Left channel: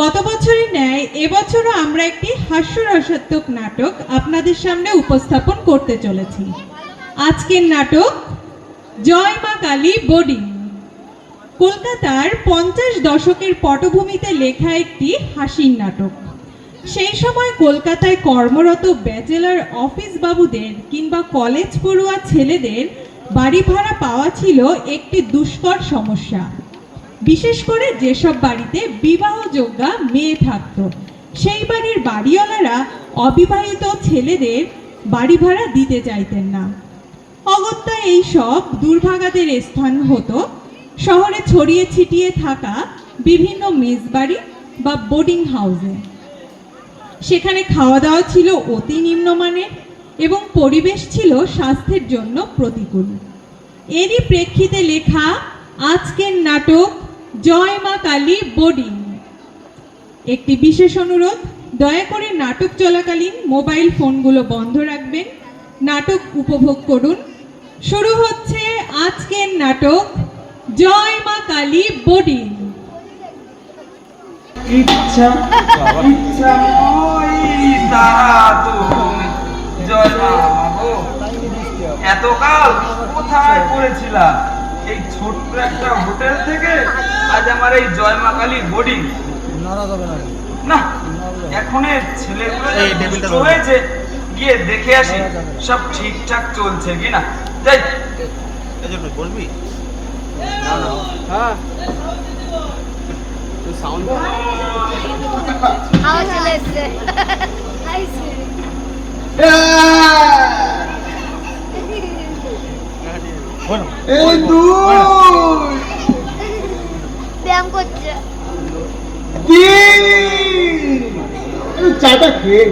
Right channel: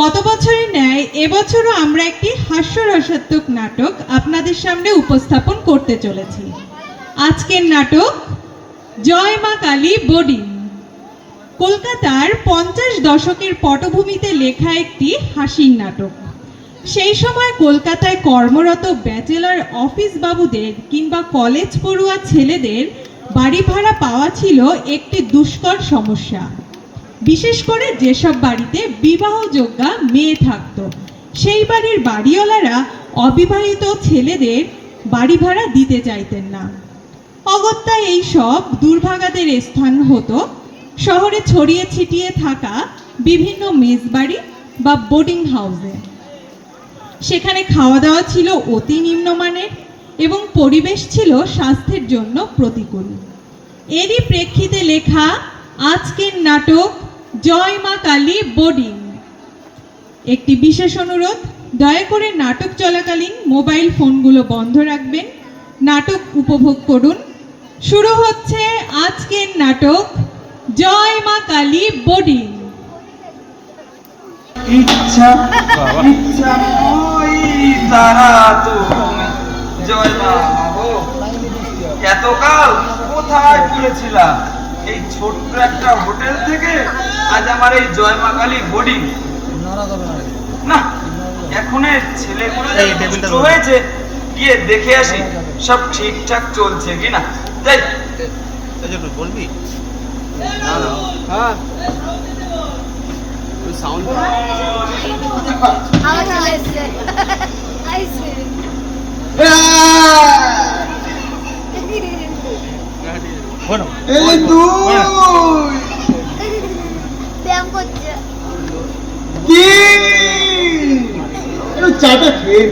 গত বছরের ন্যায় এবছরও আমরা একটি হাস্যরসাত্মক নাটক আপনাদের সামনে উপস্থাপন করতে চলেছি। আজকের নাটক জয় মা কালী বোর্ডিং। কলকাতার 50 দশকের পটভূমিতে লেখা একটি হাসির নাটক। সেই সময় কলকাতায় কর্মরত ব্যাচেলর অফিস বাবুদের কিংবা কলেজ পড়ুয়া ছেলেদের বাড়ি ভাড়া পাওয়া ছিল একটি দুষ্কর সমস্যা। বিশেষ করে যেসব বাড়িতে বিবাহযোগ্যা মেয়ে থাকত, সেই বাড়ির বাড়িওয়ালারা অবিবাহিত ছেলেদের বাড়ি ভাড়া দিতে চাইতেন না। অগত্যা এই সব দুর্ভাগাদের স্থান হতো শহরে ছড়িয়ে ছিটিয়ে থাকা বিভিন্ন মেসবাড়ি বা বোর্ডিং হাউসে। সেখানে খাওয়া দাওয়া ছিল অতি নিম্নমানের এবং পরিবেশ ছিল স্বাস্থ্যের জন্য প্রতিকূল। এরই প্রেক্ষিতে লেখা আজকের নাটক জয় মা কালী বোর্ডিং। একটি বিশেষ অনুরোধ, দয়া করে নাটক চলাকালীন মোবাইল ফোনগুলো বন্ধ রাখবেন, নাটক উপভোগ করুন। শুরু হচ্ছে আজকের নাটক জয় মা কালী বোর্ডিং। ইচ্ছা ইচ্ছা ওই তারা তুমি জয় মা গো। এতকাল কোথায় পড়েছিলাম? এই ছোট্ট একটা হোটেল থেকে আজ আমার এই জয় মা কালী বোর্ডিং। না, এখন ছেলেগুলো হয়েছে, গিয়ে দেখে আসি সব ঠিকঠাক চলছে কিনা। যাই বলবি সাউন্ড এই ব্যায়াম করছে। চাটা খেয়ে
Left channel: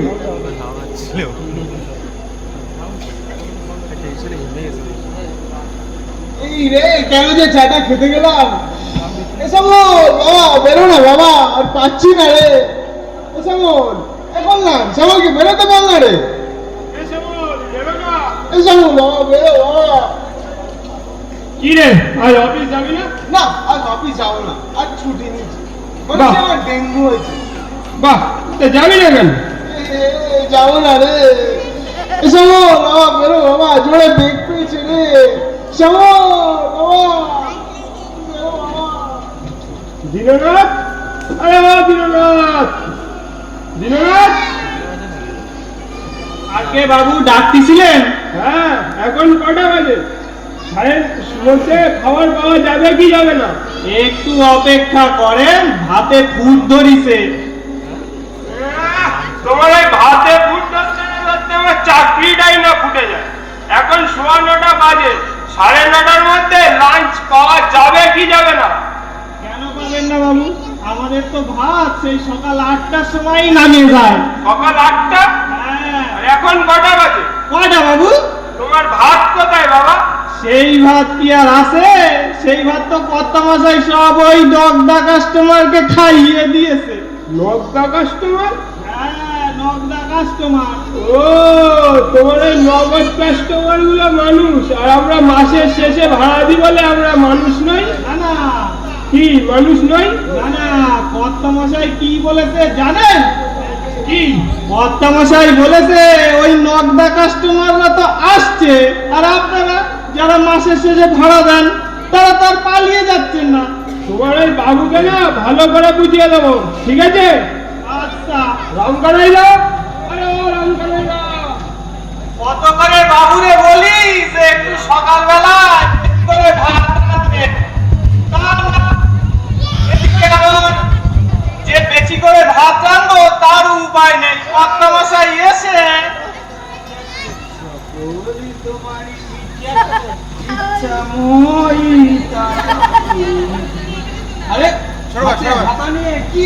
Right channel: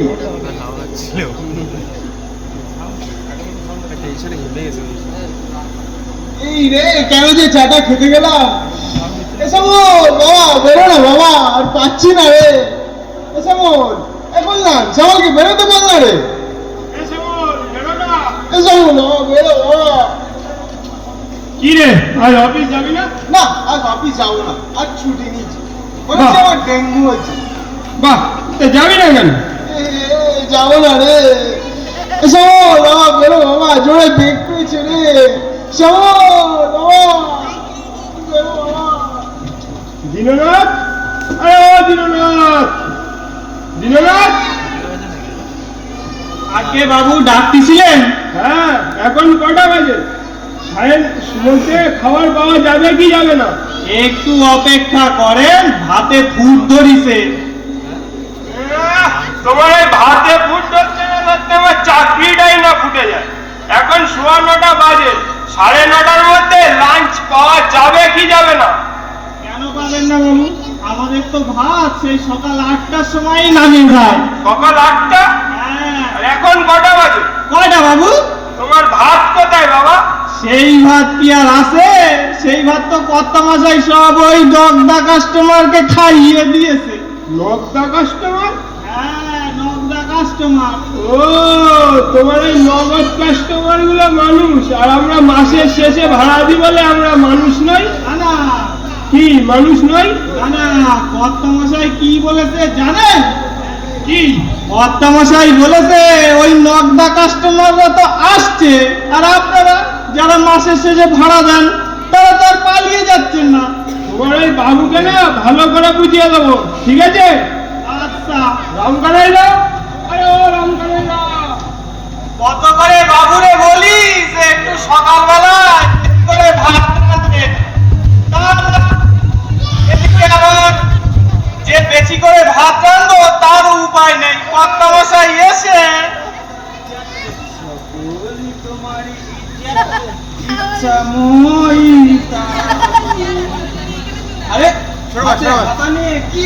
এই রে, কেন যে চাটা খেতে গেলাম। বাবা বেরো না বাবা, আর পাচ্ছি না রে। বললাম শ্যামলকে বেরোতে পারল না রে। বাবা বেরো বাবা। কি রে, আজ অফিস যাবি না? না, আজ অফিস যাবো না, আজ ছুটি নিচ্ছি। আমার ডেঙ্গু হয়েছে। বাহ, যাবি না কেন? যাবো না রে। বাবা বেরো বাবা, জোরে বেগ করেছে রে। দিনরাত দিনরাত দিনরাত আজকে বাবু ডাকতেছিলেন? হ্যাঁ, এখন কটা বাজে? সাহেব মধ্যে খাবার পাওয়া যাবে কি যাবে না? একটু অপেক্ষা করেন, হাতে ফুট ধরিছে। তোমার ভাতে ফুট ধরতে আমার চাকরিটাই না ফুটে যায়। এখন 9:15 বাজে, 9:30টার মধ্যে লাঞ্চ পাওয়া যাবে কি যাবে না? কেন পাবেন না বাবু? আমাদের তো ভাত সেই সকাল 8টার সময়ই নামিয়ে যায়। সকাল 8টা? হ্যাঁ। আর এখন কটা বাজে? কয়টা বাবু? তোমার ভাত কোথায় বাবা? সেই ভাত কি আর আছে? সেই ভাত তো কর্তামশাই সব ওই দগদা কাস্টমারকে খাইয়ে দিয়েছে। নগদা কাস্টমার? হ্যাঁ, নগদা কাস্টমার। ও, তোমার এই নগদ কাস্টমার গুলো মানুষ, আর আমরা মাসের শেষে ভাড়া দিই বলে আমরা মানুষ নই? না না কি মানুষ নই? না না, কর্তামশাই কি বলেছে জানেন? কি কর্তামশাই বলেছে ওই নগদা কাস্টমাররা তো আসছে, আর আপনারা যারা মাসের শেষে ভাড়া দেন তারা তো আর পালিয়ে যাচ্ছেন না। তোমার এই বাবুকে না ভালো করে বুঝিয়ে দেবো, ঠিক আছে? আচ্ছা, রামকানাই যাও। আরে ও রামকানাই যাও। কত করে বাবুরে বলি যে একটু সকালবেলা করে ভাত রাখবে, এদিকে আমার যে বেশি করে ভাত রাখবো তার উপায় নেই। কর্তামশাই এসে আরে কি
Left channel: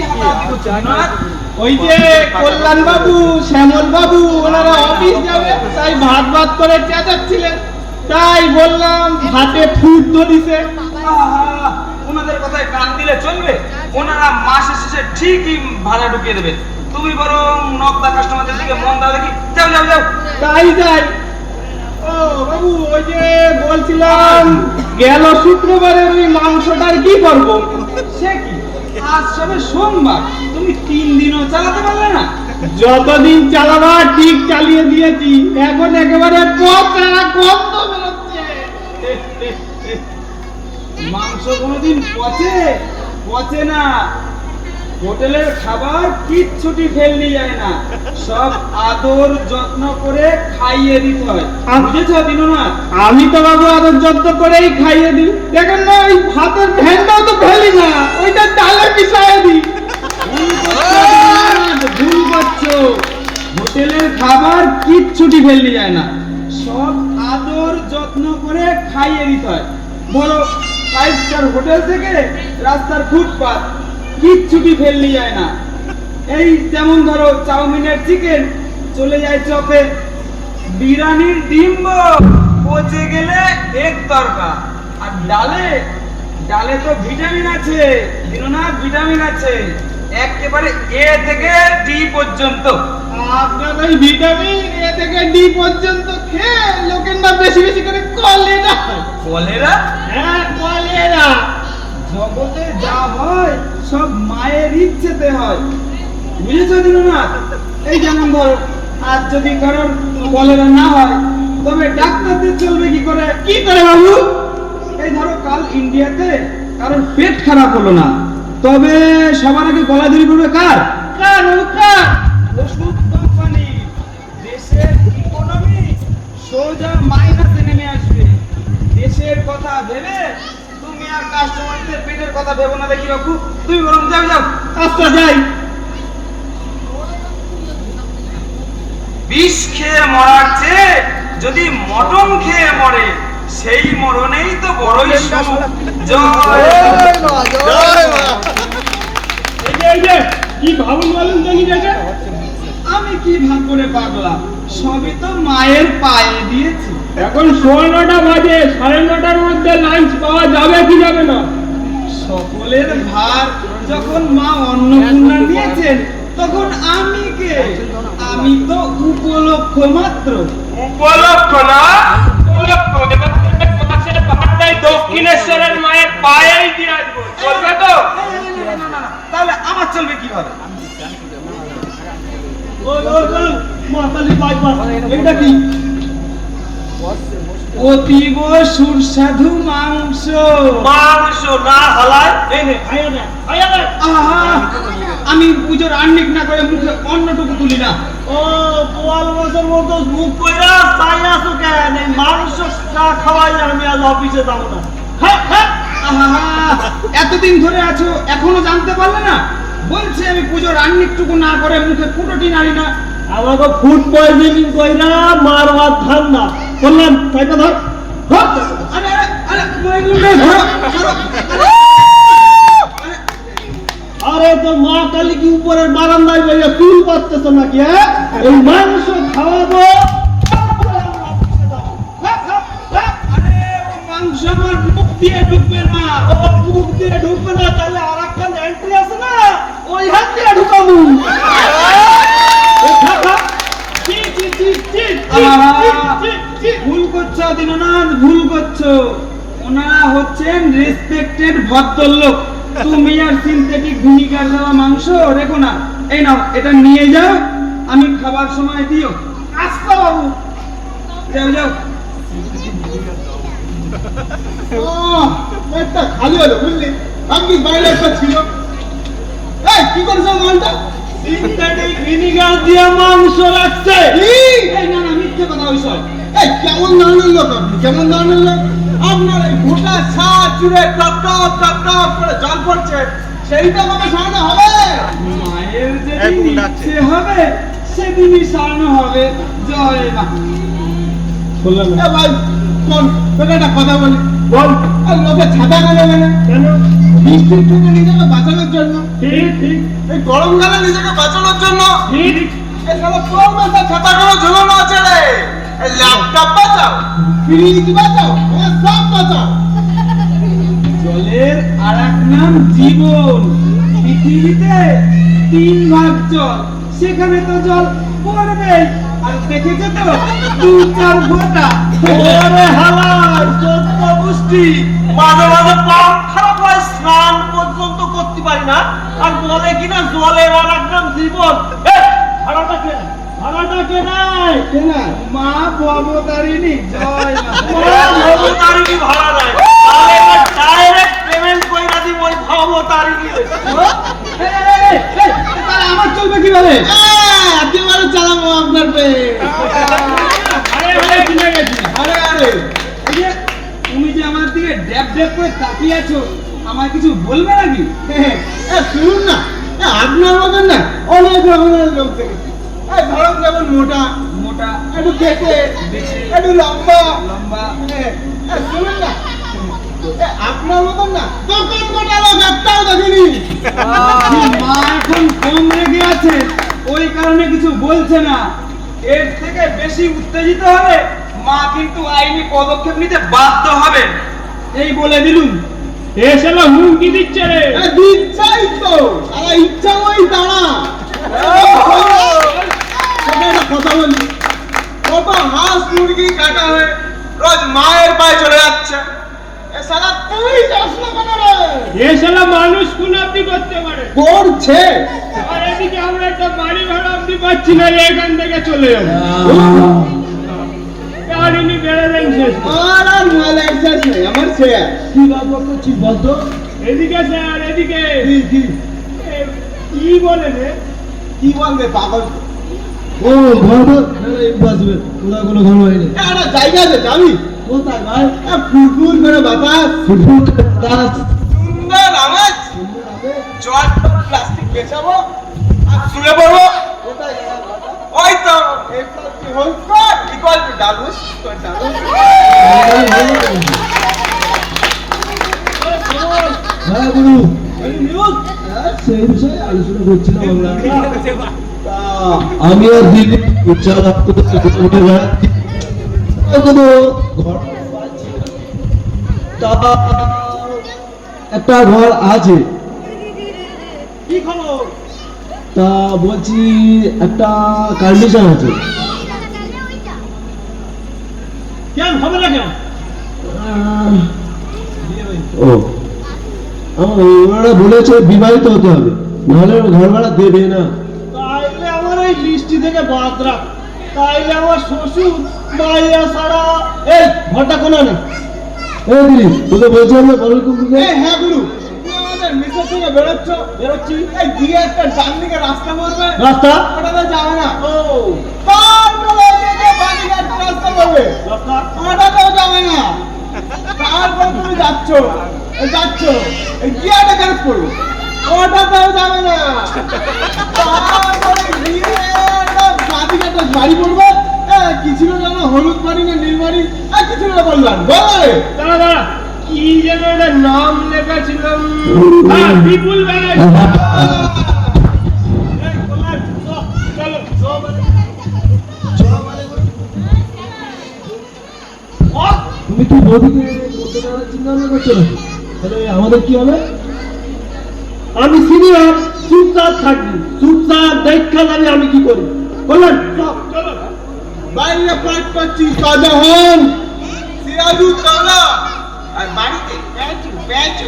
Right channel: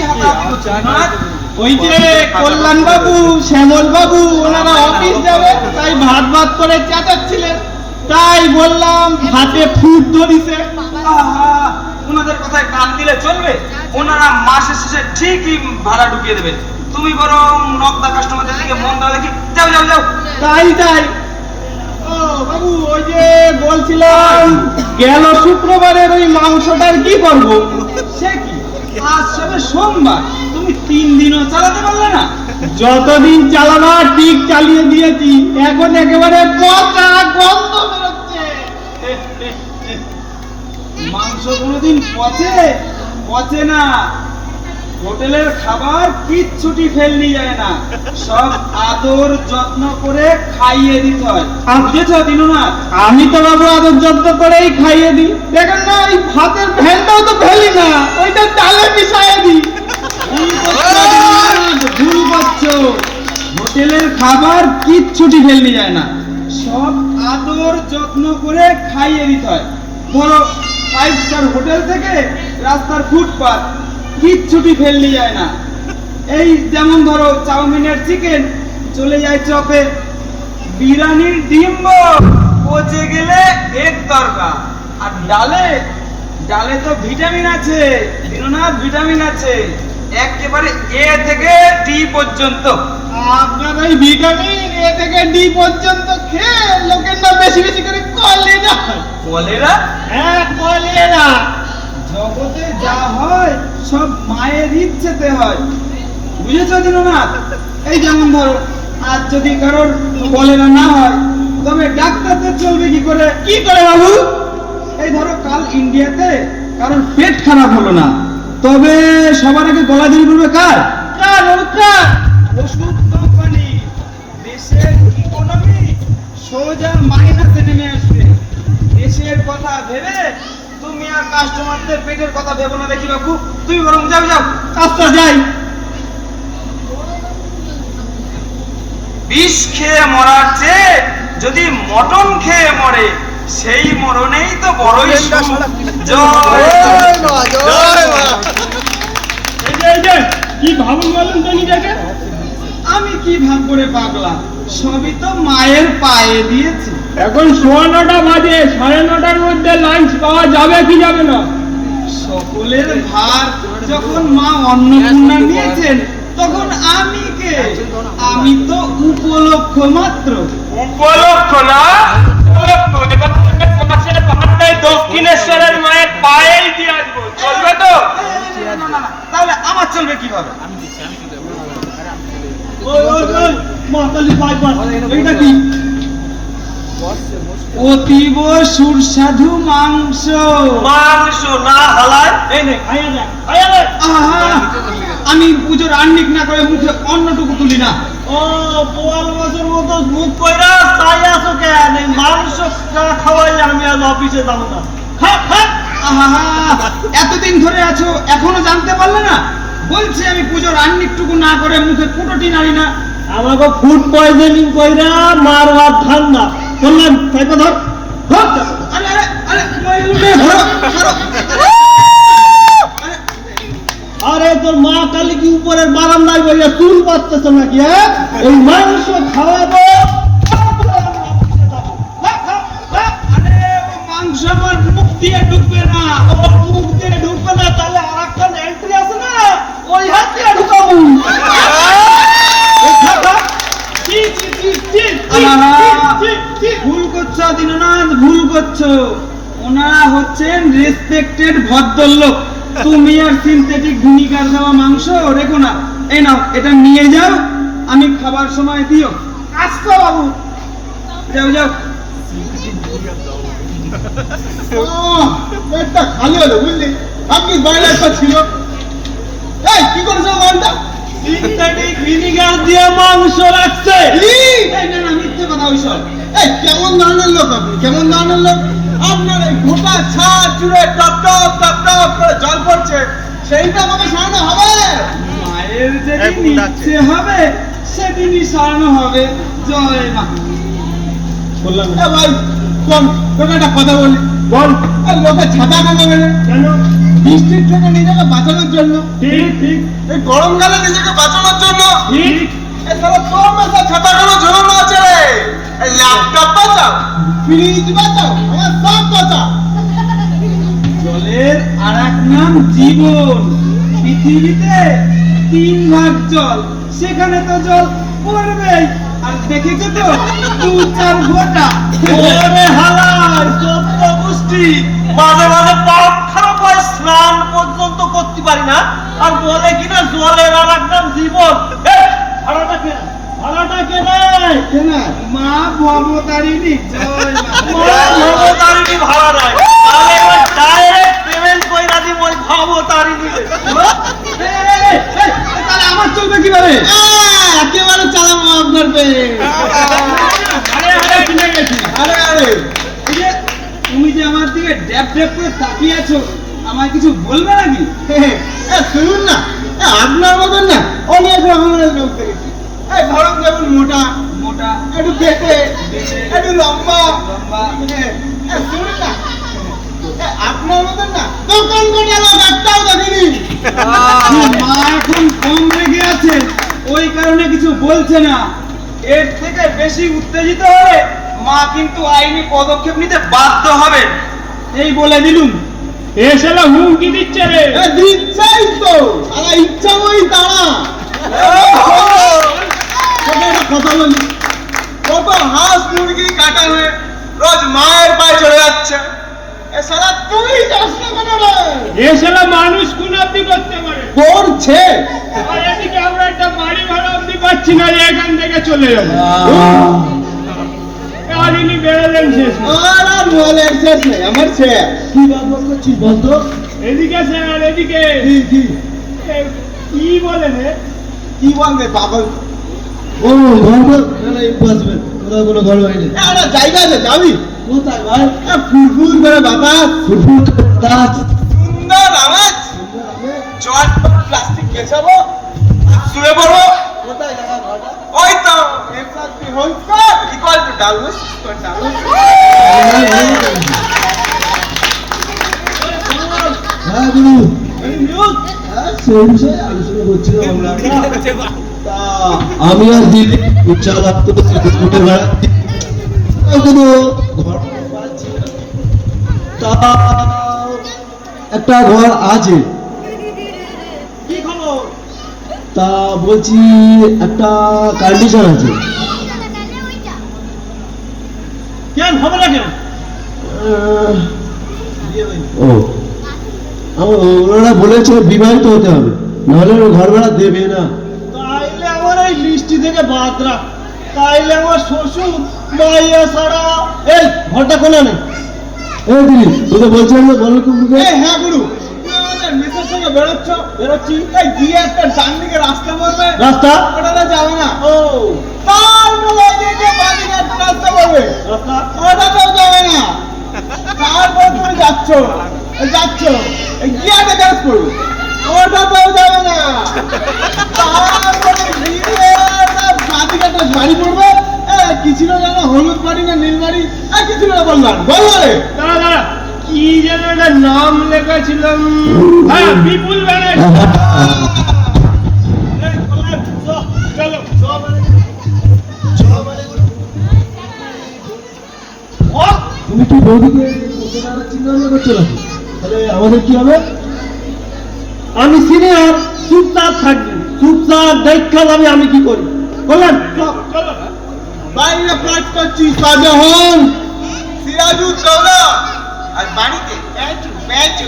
ওই যে কল্যাণ বাবু, শ্যামল বাবু ওনারা অফিস যাবে, তাই ভাত ভাত করে চেঁচাচ্ছিলেন, তাই বললাম ভাতে ফুট ধরিছে। ওনাদের কথায় কান দিলে চলবে? ওনারা মাসের শেষে ঠিকই ভাড়া ঢুকিয়ে দেবে। তুমি বরং নগদা কাস্টমারদের দিকে মন দাও দেখি। যাও যাও যাও। তাই যাই। ও বাবু, ওই যে বলছিলাম গেল শুক্রবারের ওই মাংসটার কি করবো? সে কি? আজ সবে সোমবার, তুমি 3 দিনও চালাতে পারলে না? যতদিন চালানো ঠিক চালিয়ে দিয়েছি, এখন একেবারে পচা গন্ধ বেরোচ্ছে। মাংস কোনোদিন পচে? পচে না। হোটেলের খাবার কিচ্ছুটি ফেলনি যায় না, সব আদর যত্ন করে খাইয়ে দিতে হয়। বুঝেছ দিনুনাথ? আমি তো বাবু আদর যত্ন করেই খাইয়ে দিই। দেখেন না, ওই ভাতের ভেনটাও তো ফেলি না, ওইটা ডালে মিশাইয়ে দিই। ভুল করছো। হোটেলের খাবার কিচ্ছুটি ফেলনি যায় না, সব আদর যত্ন করে খাইয়ে দিতে হয়। ধরো 5 স্টার হোটেল থেকে রাস্তার ফুটপাত, কিচ্ছুটি ফেলনি যায় না। এই যেমন ধরো চাউমিনের চিকেন চলে যায় চপে, বিরিয়ানির ডিম পচে গেলে এক তরকা। আর ডালে, ডালে তো ভিটামিন আছে দিনুনাথ, ভিটামিন আছে একেবারে এ থেকে ডি পর্যন্ত। আপনার ওই ভিটামিন এ থেকে ডি পর্যন্ত খেয়ে লোকের না বেশি বেশি করে কলেরা। কলেরা? হ্যাঁ, কলেরা। জগতে যা হয় সব মায়ের ইচ্ছেতে হয়, বুঝেছো দিনুনাথ? এই যেমন ধরো আজ যদি কারোর কলেরা না হয়, তবে ডাক্তারদের চলবে কি করে? কি করে বাবু? এই ধরো কাল ইন্ডিয়াতে কারোর পেট খারাপ হলো না, তবে সবার আগে গলা ধরে পড়বে কার? কার কার? ওষুধ কোম্পানি। দেশের ইকোনমি সোজা মাইনাসে নেমে আসবে। দেশের কথা ভেবে তুমি আর কাস্টমারদের পেটের কথা ভেবো না দেখি বাবু, তুমি বরং যাও যাও। আচ্ছা যাই। বিষ খেয়ে মরার চেয়ে যদি মটন খেয়ে মরে, সেই মরণেই তো বড়ই সুখ। জয় এই যে কি ভাবুন বলেন তো নিজেকে? আমি কি ভাব করে পাগলা, সবই তো মায়ের পায়ে দিয়েছি। এখন 9:15 বাজে, 9:30টার মধ্যে লাঞ্চ পাওয়া যাবে কি যাবে না? সকলের ভার যখন মা অন্নপূর্ণা নিয়েছেন, তখন আমি কে? আমি তো উপলক্ষ মাত্র। উপলক্ষ না, উপলক্ষ যেটা পাশের পাহাড়টায় দক্ষিণেশ্বরের মায়ের পায়েই দিয়ে আসবো, চলবে তো? না, তাহলে আমার চলবে কিভাবে? ওই ওই ওই মাতালি বাইপাস, এইটা কি? অতীব সুস্বাদু মাংস। মাংস না হালায় এই নে খাইয়া দেখ, খাইয়া দেখ। আহা, আমি পুজোর আন্নিক না করে মুখে অন্নটুকু তুলি না। ও পোয়াল মাছের মতো মুখ কইরা চাই আছো কেন? এই মাংস না খাওয়াই আমি আজ অফিসে যাবো না। খা খা। আহা, এতদিন ধরে আছো এখনো জানতে পারলে না? বলছি আমি পুজোর আন্নিকটুকু না করে মুখে ফুটোটি নাড়ি না। আমাকে ফুড পয়জনিং কইরা মার ভাত ঠান্ডা বললাম, তাইপা ধর ধর। আরে আরে আরে ধরো, ধরো, আরে, আরে, আরে তোর মা কালী কি উপরের বারান্দায় বইয়া চুল পাচ্ছে নাকি? হ্যাঁ, এই মাংস খাওয়াবো। আরে, ও মাংস আমার মুখ দিয়ে ঢুকবে না। ও মুখ দিয়ে ঢুকবে না, তাহলে আর একটা এন্ট্রি আছে না, ওই হাত দিয়ে ঢুকাবো। ভুল করছো দীননাথ, ভুল করছো। ওনারা হচ্ছেন রেসপেক্টেড ভদ্রলোক। তুমি আর সিনথেটিক ভিনিগার দেওয়া মাংস রেখো না। এই নাও, এটা নিয়ে যাও, আমি খাবার সময় দিও। আচ্ছা বাবু। যাও যাও। পেটটা খালি হলো বুঝলি, আমি বাইরে একটা ছিল। এই কি করছো মালটা? সিনথেটিক ভিনিগার দিয়ে মাংস রাখছে। এই না না, মিথ্যে কথা ওইসব। এই কেমন ধরনের লোক আপনি? কেমন ধরনের লোক? আপনার এই গোটা ছাদ জুড়ে টপ টপ টপ টপ করে জল পড়ছে, সেইটা আমাকে সরানো হবে? মায়ের যেদিন ইচ্ছে হবে সেদিনই সারানো হবে। জয় মা। এ ভাই বল, তোকে একটা কথা বলি বল। লোকে ছাতা নেবে না কেন? বৃষ্টির থেকে নিজেকে বাঁচানোর জন্য। ঠিক ঠিক। এই গরমকালে নিজেকে বাঁচানোর জন্য। ঠিক। এই সারা তোর মাথা ছাতা কেন ঝুলানো আছে রে? এই ল্যাপটপ বাঁচাও, ফ্রিজ বাঁচাও, আমার সব বাঁচাও। জলের আর এক নাম জীবন। পৃথিবীতে 3 ভাগ জল, সেখানে তো জল পড়বে। আর দেখেছো তো 2-4 ফোঁটা। ওরে হালাই, চোদ্দ পুষ্টি, মাঝে মাঝে পাপ খারাপ হয়, স্নান পর্যন্ত করতে পারি না আর বলে কিনা জলের আর এক নাম জীবন। এই, ভাড়াটা কে দেয়? মা ভবতারিণী জয় মা ভবতারিণী ভাড়া নেয়, তাহলে এবার ডাইরেক্ট পেমেন্ট কইরা দিব ওই ভবতারিণী। আমার চলবে কিভাবে? একেবারে চালাবো আপনার পেয়ে। আরে এই যে তুমি যে আমার দিকে ড্যাব ড্যাব করে তাকিয়ে আছো, আমায় কিছু বলবে নাকি? শুনুন না, আপনার মতন না অনেক রকমের লোক দেখেছি। ধরুন যেমন মোটা, একটু দেখে, একটু লম্বা। শুনুন না, আপনার মতন না কখন গোটা লোক একটাও দেখিনি। মা এখন কম রেগে আছে, ওই কারণে কিছু বলছে না। এর থেকে বেশি উত্তেজিত হলে মা কিন্তু আইনি পদক্ষেপ নিতে বাধ্য হবে, এই বলে দিলুম। এসে হুমকি দিচ্ছে রে। দিচ্ছাই তো, ইচ্ছা ওই দাঁড়া। কথা বলি, কত হাঁস মুরগি কাটা হয়ে রোজ মায়ের পায়ে চলে যাচ্ছে, সারা তুই যাস না কেন রে? এসে মানুষ কোন অব্দি করতে পারে। করছে। আর এদিকে আমরা একটা বাড়ি ভাড়া অব্দি পাচ্ছি না, এখান থেকে চলে যাবো। কাহিনী বেরোলেন শেষ। আর মোবাইলের শেষ নেই, আমার শেয়ার। কি বাদ করছিস বলতো? এদিকে স্যার, এদিকে। কি বলেন? কি বলবে পাগল? ও ধর্ম বাঁচবে, কোথাও কোনো ধর্ম হয়নি। একটা জায়গা আছে, যাবি? কোথায় ভাই? ফুলফুল করে বাতাস, ফুটবল গাছ সুন্দর আওয়াজ, জল প্লাস্টিক বেচাবো আর শুয়ে পড়বো। কোথায় জায়গা? ওই তো এফআরপি হোমস্কোর ইকুয়াল টু ডালুস স্কয়ার ডালুস। হ্যাঁ গুরু, এই নিউজ সেই বিষয়ে আলোচনা করছিলাম আমরা। তা আমি আর দিদি উচ্চালাপ করতে কোটের ভাড়া কোনো ঘর পাচ্ছি না। তা একটা ঘর আছে, কি খবর? তা বলছি একটা কন্ডিশন আছে। কেন হবে না কেন? ও ওনারা বলেছে বিবাহিত হতে হবে, নাহলে ঘর ভাড়া দেবে না। তাইলে আমার এই বৃষ্টি থেকে বাদ রাখ। তাইলে আমার শ্বশুর মাইয়া সারা এই ঘরটা কোনা নেই। এ দিদি, তোকে বলছিলাম না বল কুকুরকে। হ্যাঁ গুরু, তুমি আমাদের মেসের সঙ্গে বেরোচ্ছি, এই দিয়ে একটা ডান দিকে রাস্তা বলবে, রাস্তা ওটাতে যাবে না। ও তার মোড়ায় দিয়ে বাঁ দিকে একটা রাস্তা বলবে, রাস্তা ওটাতেও যাবে না। তারপর তুমি যাচ্ছ, এই গিয়াটা কাজ করবে, ওটাতেও যাবে না। তারপরে গিয়ে একটা বাঁ দিকে একটা গাড়ি পড়বে, কি ছিল জানো, হলুদ বাড়ি না নীল বাড়ি, কিছু না বললাম, বললো রে। দাদা কি যেন একটা নাম লেখা ছিল, হ্যাঁ বিপুল ব্যানার্জি। এই কোলায় চলো তুমি কি বৌদিকে চিন্তা ভাবনা করছো নাকি? তাহলে আমাদের কি হবে? আমি সিনিয়র, চুপচাপ থাকবি, চুপচাপ দেখা যাবে আমি কি করি। বললেন বাইরে কাজ করছি শাহজাহান, সিরাজুদ্দৌলা, আর বাড়িতে প্যাঁচু।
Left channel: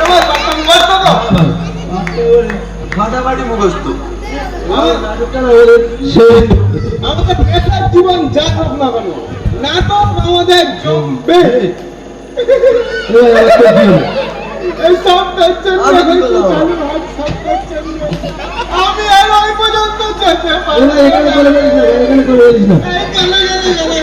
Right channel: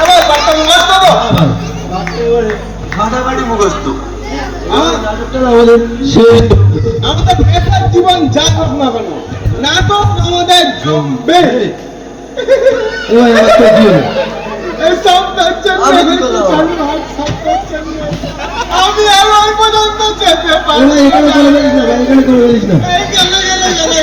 এবার একটা মুখস্থ তো। ফাটাফাটি মুখস্থ। আমাদের পেশার জীবন যা হোক না কেন, নাটক আমাদের জমবে। এই সবটা হচ্ছে আমি আর ওই পর্যন্ত যেতে পারবো না। এই গেলে।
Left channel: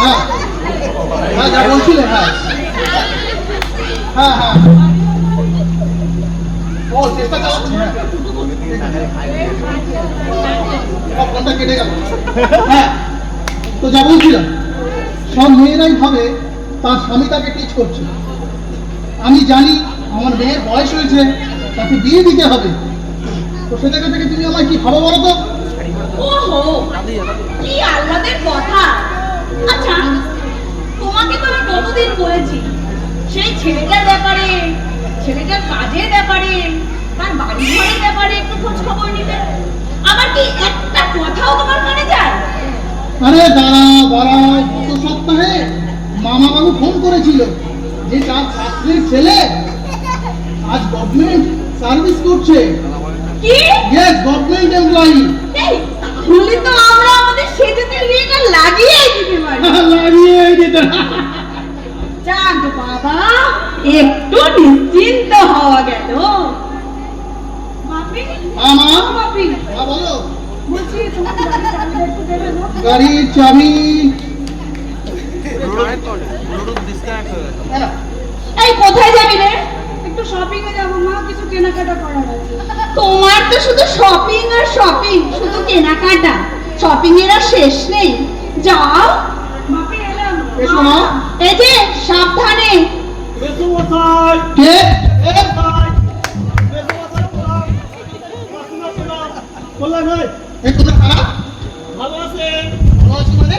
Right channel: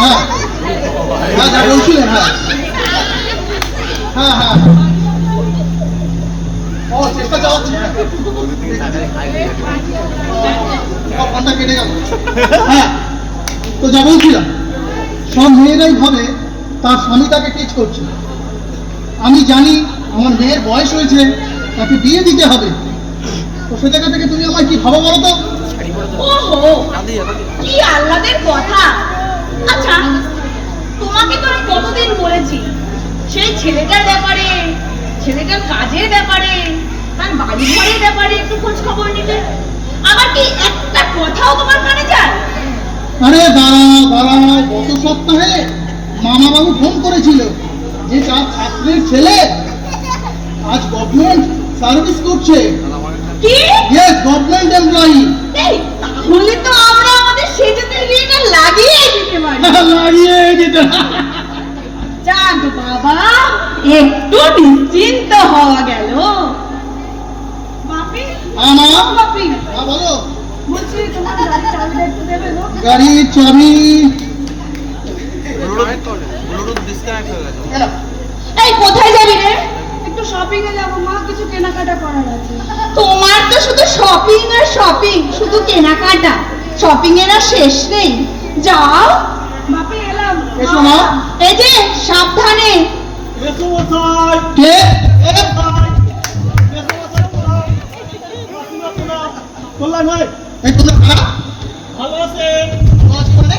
হ্যাঁ যা বলছিলে, হ্যাঁ ও চেষ্টা চালাচ্ছি। ফোনটা কেটে গেল। হ্যাঁ তো যা বলছিলাম, সব মেয়েরাই ভাবে তার স্বামী তাকে টিচ করছে। আমি জানি আমার মেয়ের বয়স হয়েছে, তাকে বিয়ে দিতে হবে, তো সে জায়গা থেকে তুমি আমায় কি ভাবা বলো তো? ওহো, কি আহ্লাদের কথা। আচ্ছা, তোমাকে তো আমি কতদিন বলেছি সেই ছেলেটার ব্যাপারে, ছেলেটার কাজের ব্যাপারে, আর বাড়ি ঘরের ব্যাপারে একটু খোঁজ খবর নিতে। আমার কি একটা কথাও তোমার কানে যায়? আরে দাঁড়াও, গত সপ্তাহে মামাবাবু ফোন করেছিল যে তার ছাত্রীর ছেলে আজ গভর্নমেন্ট সার্ভিস করছে। কি? Yes, government employee. এই, তাহলে তো আমরা আমাদের সেজেদের বিয়েটা লাগিয়ে দিতে পারি। লাগিয়ে দিতে। যাক বাবা, একটু নিশ্চিন্ত হওয়া গেল। বাপি, হ্যাঁ মা? বাপি, হ্যাঁ বলো। বলছি তোমার গাড়ির চাবিটা একটু দেবে গো? গাড়ির চাবি। এই কোথায় যাবি রে? একটু শপিং এ যাবো মা, কিছু কেনাকাটা করার আছে। তোমার তো শুধু শপিং আর শপিং, শুধু কেনাকাটা। শপিং এর আর শেষ নেই। যাও বাপি, এলাম। এসো মা। এই যে সাবধানে। এসো মশাই। কে? একটু দাঁড়া। ভালো আছেন? ভালো আছি মানে?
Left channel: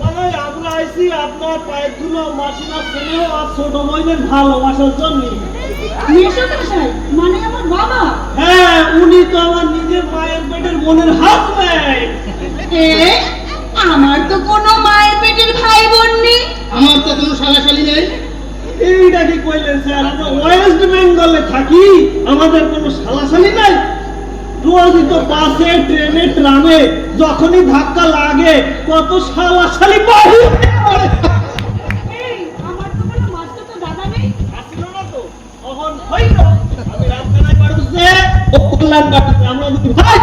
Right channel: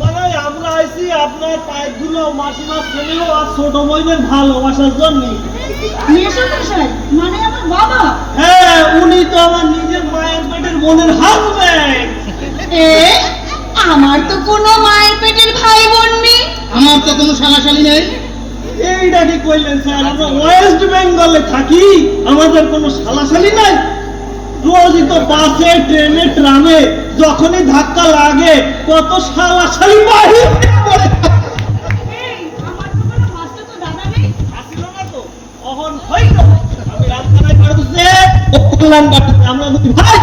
মানে আমরা আইছি আপনার পায়েরগুলো মাসিমার ছেলেও আর ছোট বোনের ভালোবাসার জন্য। মেশামশাই মানে আমার বাবা। হ্যাঁ, উনি তো আমার নিজের মায়ের পেটের বোনের হাজবেন্ড। এ, আমার তো কোনো মায়ের পেটের ভাই বোন নেই। আমার তো কোনো শালাশালি নেই। এইটা কি কইলেন স্যার? আমরা ওয়েস্ট বেঙ্গলে থাকি, আমাদের কোনো শালাশালি নাই। রোজই তো বাসে, ট্রেনে, ট্রামে যখনই ধাক্কা লাগে কত শালাশালি বাহির হয়ে পড়ে। এই, আমার তো কোনো মাস্টার তো দাদা নেই। আসিল না তো, অহন হইল। আমি রাজখানায় পারবো যে বললাম আমরা দুই ভাই।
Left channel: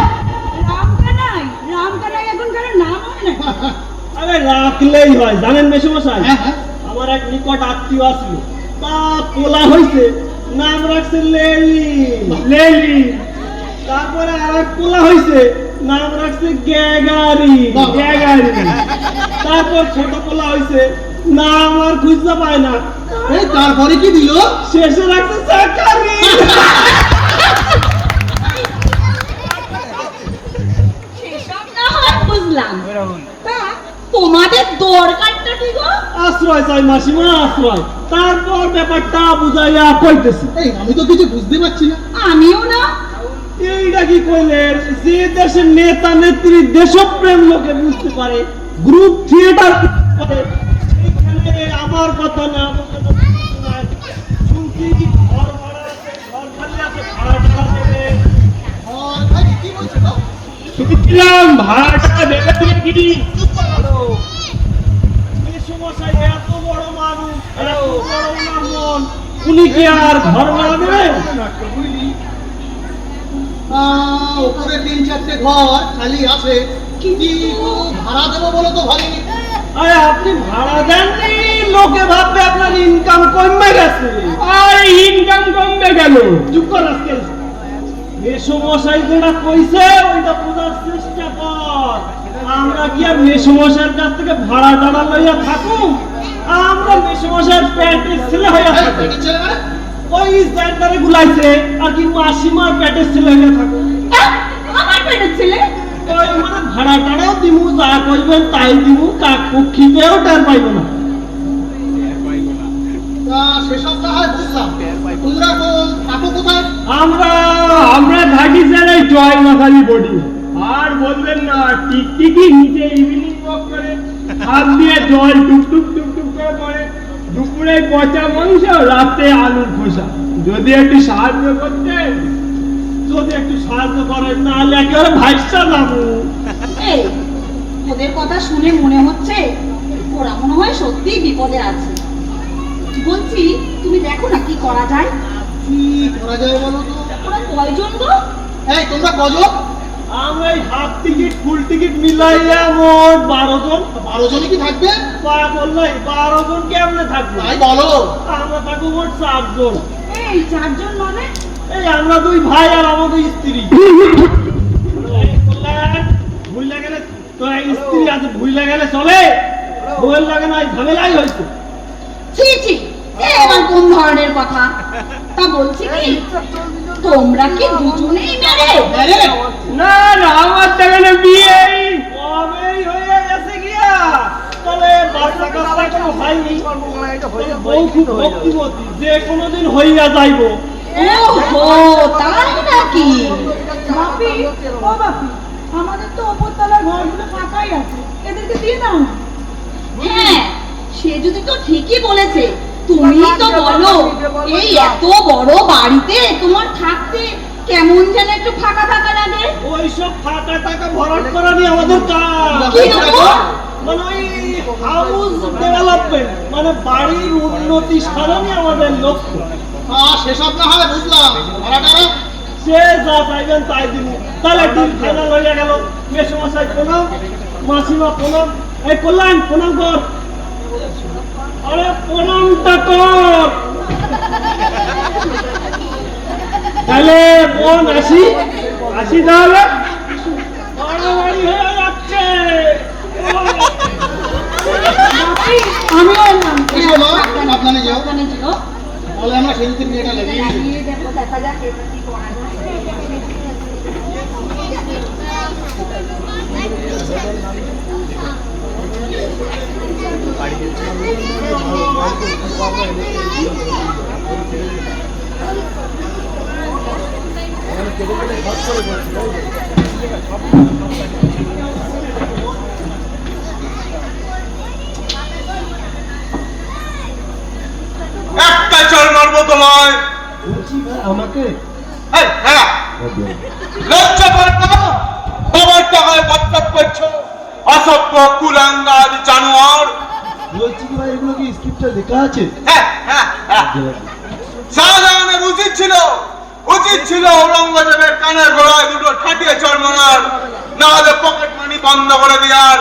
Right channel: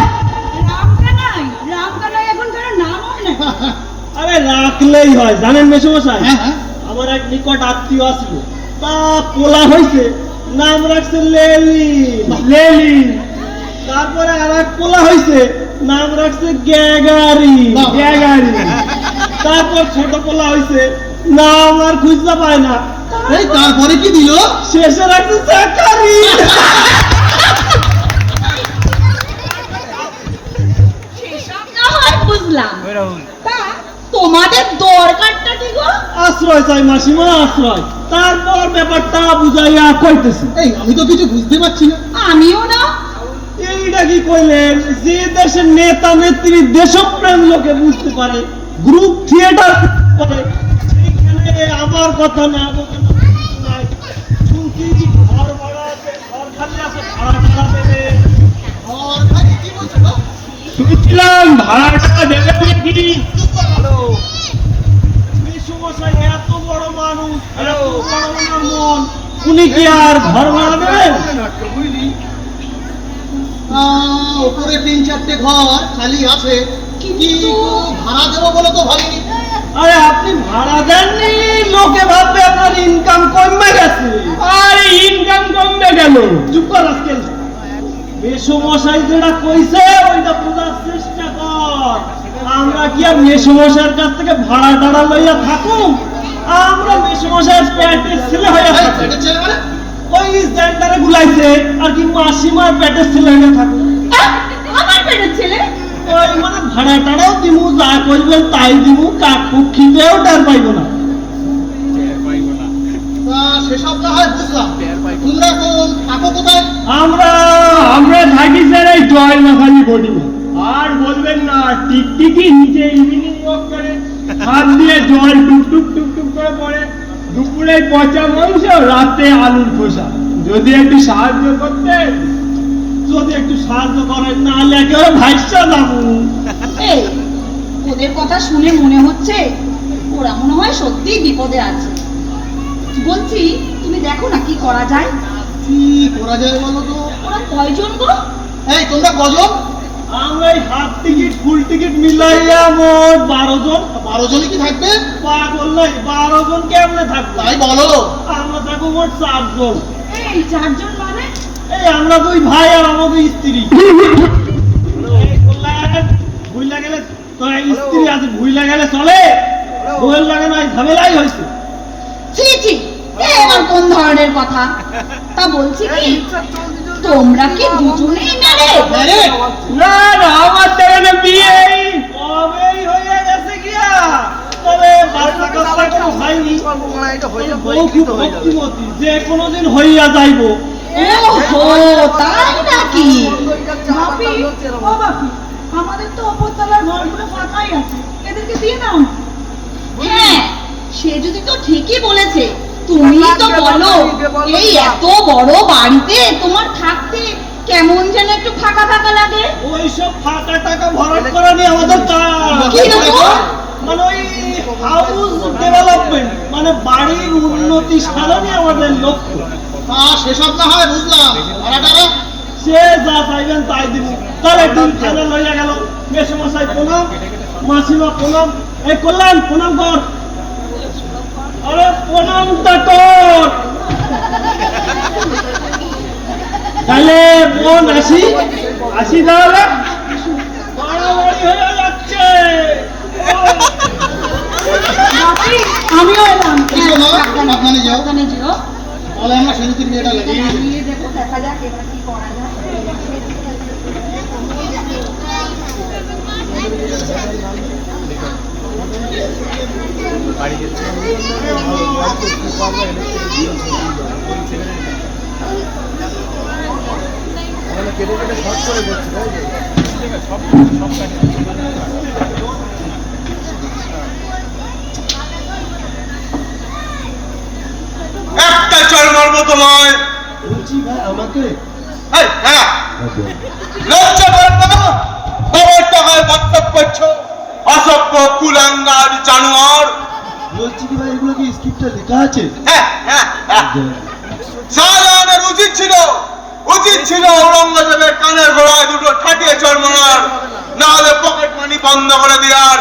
রামকানাই এখন কারো নাম হয় না। আরে রাখলেই হয়, জানেন মেশমশাই? হ্যাঁ হ্যাঁ। আমার এক নিকট আত্মীয় আসলো, তা পোলা হয়েছে, নাম রাখছে লেলি। লেলি। তারপরে আর এক পোলা হয়েছে, নাম রাখছে গ্যাগারি। গ্যাগারি। তারপর ছোট পোলা হয়েছে, নাম আর খুঁজতে পায় না, এই তারপরে কি দিল? শেষে রাখছে চাকারি। সেসব না হয় বুঝলাম। তা তোমাদের দরকারটা কি গো? আশ্রয় চাই মাসিমা, আশ্রয়। তারপর ব্যাপারটা বুঝাইয়া কইতেছি। এই আমি তো কিছু বুঝতে পারছি না। আমিও না। এইটা কি কইলেন? যে দেশের নেতা নেত্রী দেশপ্রেম লোকে বুঝতে পারে, গ্রুপ থিয়েটার করে, সেইখানে আমার কথা না বলতে তো কিছু নাই। শুনছি কি ঘর ভাড়া আছে, ঘর খালি আছে, ভাড়া টাড়া দেবে। আর ভাই কি বলছো গো? শুনছিলাম ভাড়াটা দেবে নাকি? মেসোমশাই এত বড় মানুষ, এত বড় ওনার মন, উনি কি আর ঘর ভাড়া দেবেন? উপরে 3-4টে ঘর খালি আছে, কিন্তু ভাড়া দেবো বলে তো ভাবিনি। আরে আপনি ভাড়া দেননি, লোকে ভাববে আপনার ইনকাম কমবে গেছে। আর ইনকাম কমবে গেল, চুপ কর আজকে। মেসোমশাই যেটা কইছে ওইটা বোঝার চেষ্টা কর। আমরা কি আর মেসোমশাইয়ের কাছ থেকে ভাড়া টাড়া লইয়া থাকুম? আমরা মেসোমশাইয়ের পেটের ছেলে হইয়া এই, থাকুম। পেটের ছেলে মানে? ওই সেন্টারে গুলাইছে আর কি মাসিমার পেটের ছেলে হইয়া থাকুম। আমার পেটের ছেলে? ওই মানে ভাড়া টাড়াও দিমু, যা করবেন তাই দিমু, কাকু খিদেও টের পাইব না। তা সেসব না হয় বুঝলাম, তোমরা কোন থাকো কোথায়? আমরা থাকি স্যার এই জয়মাখালি বডি। আর বলবেন না, টিকটিকি নিচে ইভিনিং ওয়াক করে, হাত দিয়ে জল টুক টুক টুক টুক করে পড়ে। দুপুরে পচা মাংস, রাতে আলুর খোসা। যদি একটু সাহায্য করতেন, যদি একটু সাহায্য করেন, না হলে একেবারে ভাইসা যাবো। এই, ওদের কথা শুনে মনে হচ্ছে ওরা মনে হয় সত্যিই বিপদে আছে। বলছি, তুমি দেখো না কি করা যায়। কি করা যায় বলো তো? ওরা কয়জন গো? এই তোমরা কজন? আমরা এই হাফ টিকিট ফুল টিকিট মিলাইয়া মোট 12 জন। 12 জনই কি থাকবে? পাড়া করলে 12 জন কেমনে থাকবে? তাই বলো। আমরা থাকবো মোট 4 জন। এই 4 জন মানে? এই আমরা 2 ভাই আর আমাদের স্ত্রী। এই কল্যাণ, ভুইলা গেলে তোর স্ত্রী আছে, ভুইলা গেলে চলে? বল লাগে না, ঝামেলাই হয়েছে। ছি ছি, এবার কোন ধরনের কথা? তা বলছি কি, তোমরা কি দুজনেই মেরে? না না, আমার দেখানে বিয়ে কবেই হয়ে গেছে গিয়া, তবে বাচ্চা কাচ্চা কোনো হয়নি। বউ খুব ভক্তিমতী, যে কোনোদিন হইয়া যাইব। ওহো, তাই কি? বাপি, ও বাপি, আমাদের তো ওপর তলার ঘরগুলো ফাঁকাই আছে, এদেরকে দিয়ে দাও না। হ্যাঁ, সে যদি তো ঠিকই বলেছে। তুমি তো বলো এই এত বড় বাড়িতে তোমার থাকতে কেমন যেন একটু ফাঁকা ফাঁকা লাগে। ওইসব ফাঁকা টাকা ভরাট করা নিয়ে আমাদের কাজ। কি রকম? মানে ওই হাউস ডেভেলপমেন্ট, মানে বাড়ির উন্নতি সাধনে আমাদের লক্ষ্য। সেসব না হয় বুঝলাম, সে যা চাইবেন তাই দিব। তাহলে দিন ফাইনাল হয়ে গেল। মেসোমশাই প্রণাম, মাসিমা প্রণাম। এই কল্যাণ প্রণাম কর। আরে প্রণামটা কর। তাহলে বোন আসি আসি, তাহলে বাড়াবাড়ি হয়ে যাচ্ছে। বাপি, আমিও এলাম। সাবধানে যেও। লাগিয়ে দেবো, দেখা যাক এবার কি করা যায়। একটা চোর মারবো তো নয়। বলছি ভাই আমাকে এই, হ্যাঁ, লজ্জা পাওয়ার না? তোমার টাকায় বকবক করছো, অসভ্য কুলাঙ্গার জানোয়ার। বলছি কি ভাই এগুলো কি স্ক্রিপ্টে লেখা আছে? হ্যাঁ, হ্যাঁ, হ্যাঁ। শাহজাহানের উচিত ছিল ঔরঙ্গজেবের কানের গোড়ায় দুটো ঠাটিয়ে চড় মারার, না হলে পকেট মানি বন্ধ করে দেওয়ার।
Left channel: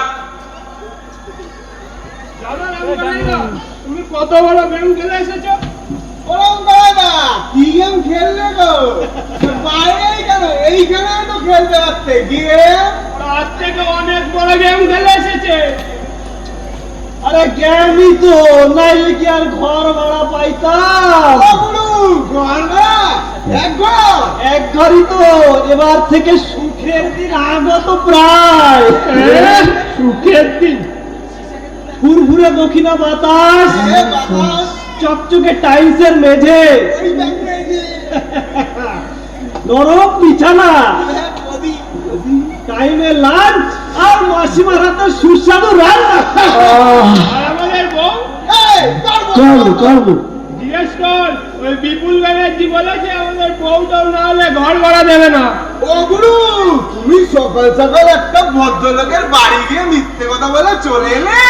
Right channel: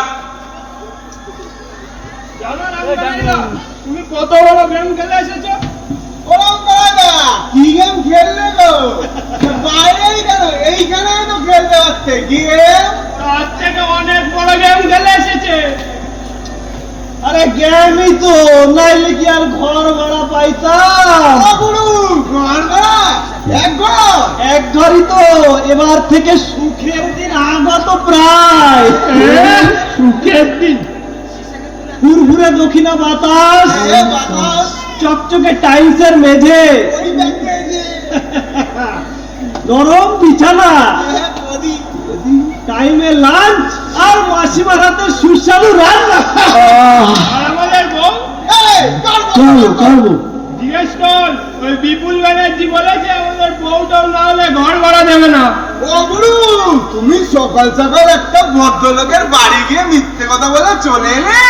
তুমি কত বড় গেম খেলে এসেছো? ওরম করে না, কি গেম খেললে গো? বাইরেই কেন, এইখানেই তো খেলতে পারছে। গেম তার থেকে অনেক বড় গেম খেলে এসেছে। আরে গেমই তো, নাইলে কি আর ঘর ভাড়া পাইতাম? ঘর ভাড়া এক ঘরই তো। এবার থেকে সুখের দিন আগত প্রায়। সুখের দিন, ফুরফুরে দক্ষিণা বাতাস, চকচকে টাইলসের মেঝে, নরম বিছানা, টাইমে লাঞ্চ, আর মাসিমার হাতে সুস্বাদু রান্না। আমাদের বউ চলো জিজ্ঞেস কর, ওই বিপুল ব্যানার্জি বলেছে আমাদের বউটাও না হলে ঘর ভাড়া দেবে না। ও গুরু, তুমি সকাল সকাল একটা ভদ্রলোকের বাড়ি গিয়ে মিথ্যে কথা বলে চলে এলে।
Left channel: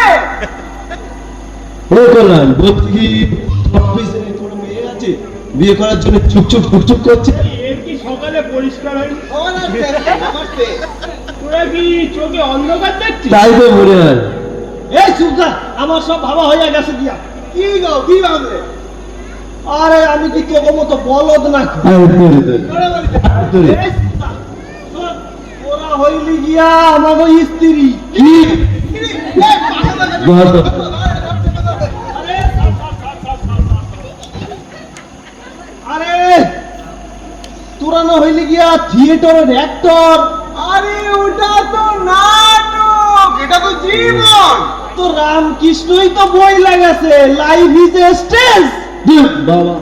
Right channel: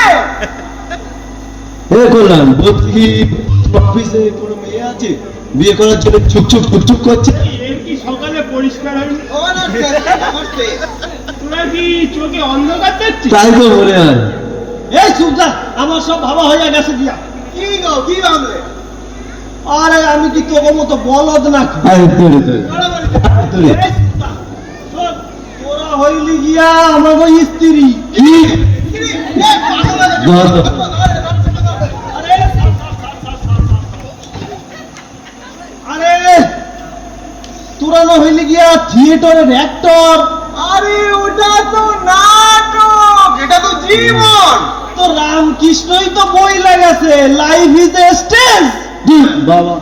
এ করলাম বলছি অফিসে কোনো মেয়ে আছে বিয়ে করার জন্য চুপচুপ করছে। এর কি সকালে পরিষ্কার হয়নি? তোরা কি চোখে অন্ধকার দেখছিস? তাই তো মনে হয়। এই সুজা, আমার সব ভালো হয়ে গেছে দিয়া। কি গো, কি ভাবলে? আরে আমি কি তোকে মতো বলদ নাকি? এই সুজা, শোন, তোরা হইলি গিয়া আমাদের স্ত্রী। আরে আরে তোরা না হইলি গিয়া থিয়েটারের অ্যাক্টর। আরে ওটা তো নাটক, এটা তো জীবন। তো রামকৃষ্ণই তো বই লাগাছে, লাইফ ইজ এ স্টেজ। বাবা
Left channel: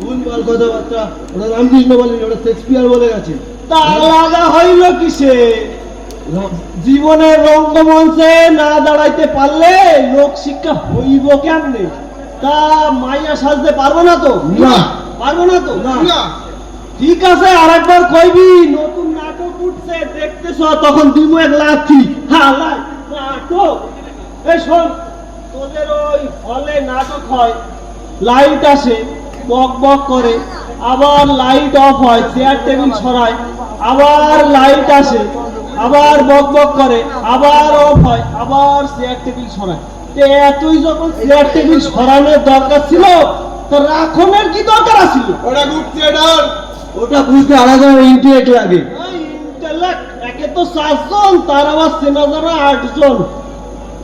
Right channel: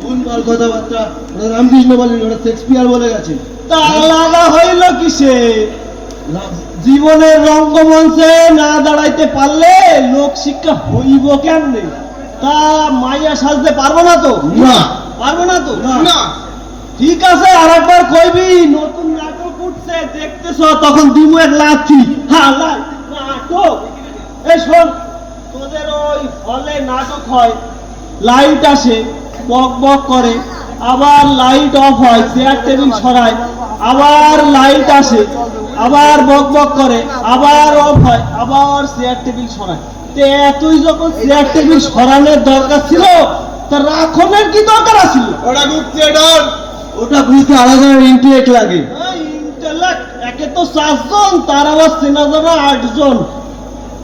ভুলভাল কথাবার্তা, ওরা রামকৃষ্ণ বলেনি, ওরা শেক্সপিয়ার বলে গেছে। তা আলাদা হইল কিসে? জীবনের রঙ্গমঞ্চে না দাঁড়াইতে পারলে লোক শিক্ষা হইব কেমনে? তা মাইয়া সাজতে পারবো না তো? না। পারবো না তো? না। ঠিক আছে, আরেকবার কইবি নতুন নাটক উঠছে দেখতেছ, তখন দিমু এক লাথি। হ্যাঁ, নাটক। এই শোন, তোদের ওই হলে নাটক হয়, লাইট আসে, বক বক করে, আবার লাইট অফ হয়, চেয়ার টেবিল সরায়, আবার লাইট আসে, আবার বক বক করে, আবার অফ হয়, আবার চেয়ার টেবিল সরায়। তে এতই যখন চেয়ার টেবিল সরানোর দরকার ছিল, তা রাখনের কি দরকার আছিল? ওটা গ্রুপ থিয়েটার। ওটা বুঝতে আলাদা ইন্টারেক্ট লাগে। ইন্টালেক্ট, একে তো 4 জন, তার আবার চেনা জানা 8 জন।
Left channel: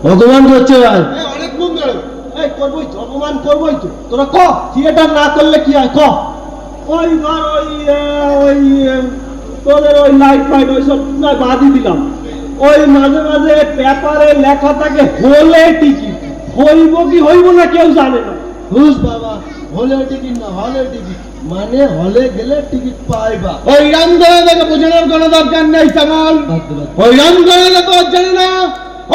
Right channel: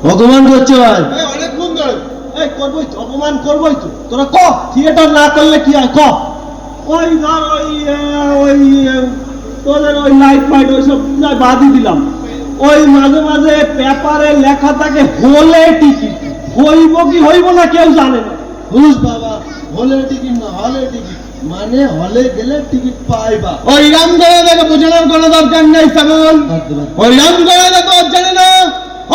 ভগবান করছে ভাই। অনেক সুন্দর। এই করবই তো, অপমান করবই তো। তোরা ক, থিয়েটার না করলে কি হয় ক? ওই ধর ওই তোদের ওই লাইট ফাইট ওইসব বাদই দিলাম। ওই মাঝে মাঝে পেপারে লেখা থাকে হলে টিকিট, হইব কি হইব না কেউ জানে না। হুস বাবা, হলের টিকিট না হলের টিকিট, মানে হলে গেলে টিকিট পাই বা ওই রামগড়ে দেখে বোঝানোর কোনো দরকার নেই শ্যামল। ওই রামগড়ে দেখো জানি না,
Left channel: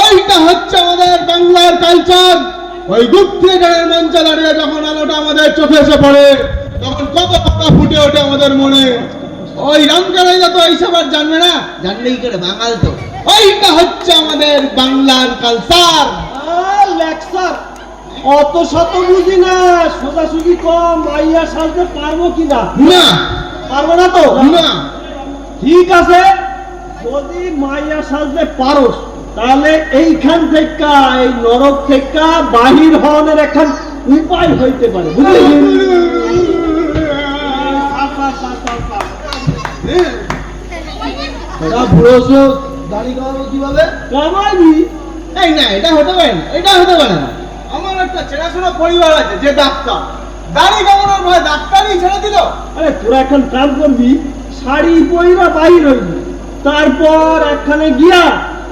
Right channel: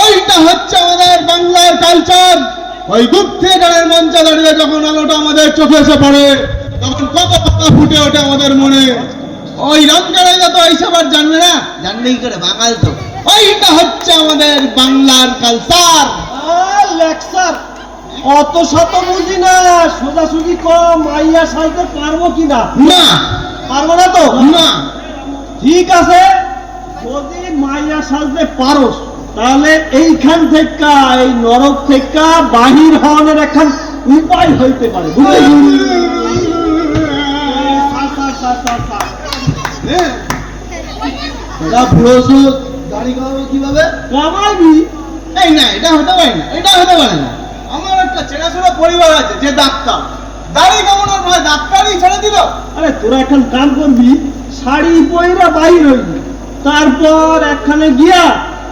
ওইটা হচ্ছে আমাদের বাংলার কালচার। ওই দূর থেকে গানের মঞ্চে দাঁড়িয়ে যখন আলোটা আমাদের চোখে এসে পড়ে তখন কত কথা ফুটে ওঠে আমাদের মনে। ওই রামগড়ে তো এইসব আর জানবে না, জানলে কি করে বাঙাল তো। ওইটা হচ্ছে আমাদের বাংলার কালচার। লেকচার অত শত বুঝি না, সোজাসুজি কম মাইয়া সাজতে পারবো কিনা? না, পারবো না তো? না, ঠিক আছে, যদি মাইয়া সাজতে পারো তাহলে এইখান থেকে এই নরক থেকে বাহির হওয়ার এখন উপায় হইতে পারে, বুঝলি? বুড়ো দাড়ি কামাবে কিভাবে? কামাবি এই না, এটা হতে পারে না, এটা হতে পারে না। আমার একটা চেনাশোনা পরিবার আছে যে ডাক্তার, দাড়ি কামানোর ভয় ডাক্তারই ছেড়ে দিল। আরে তোরা এখন কাম করবি, শাড়ি পইরা বাইর হইবি, তারপর একখানে গিয়া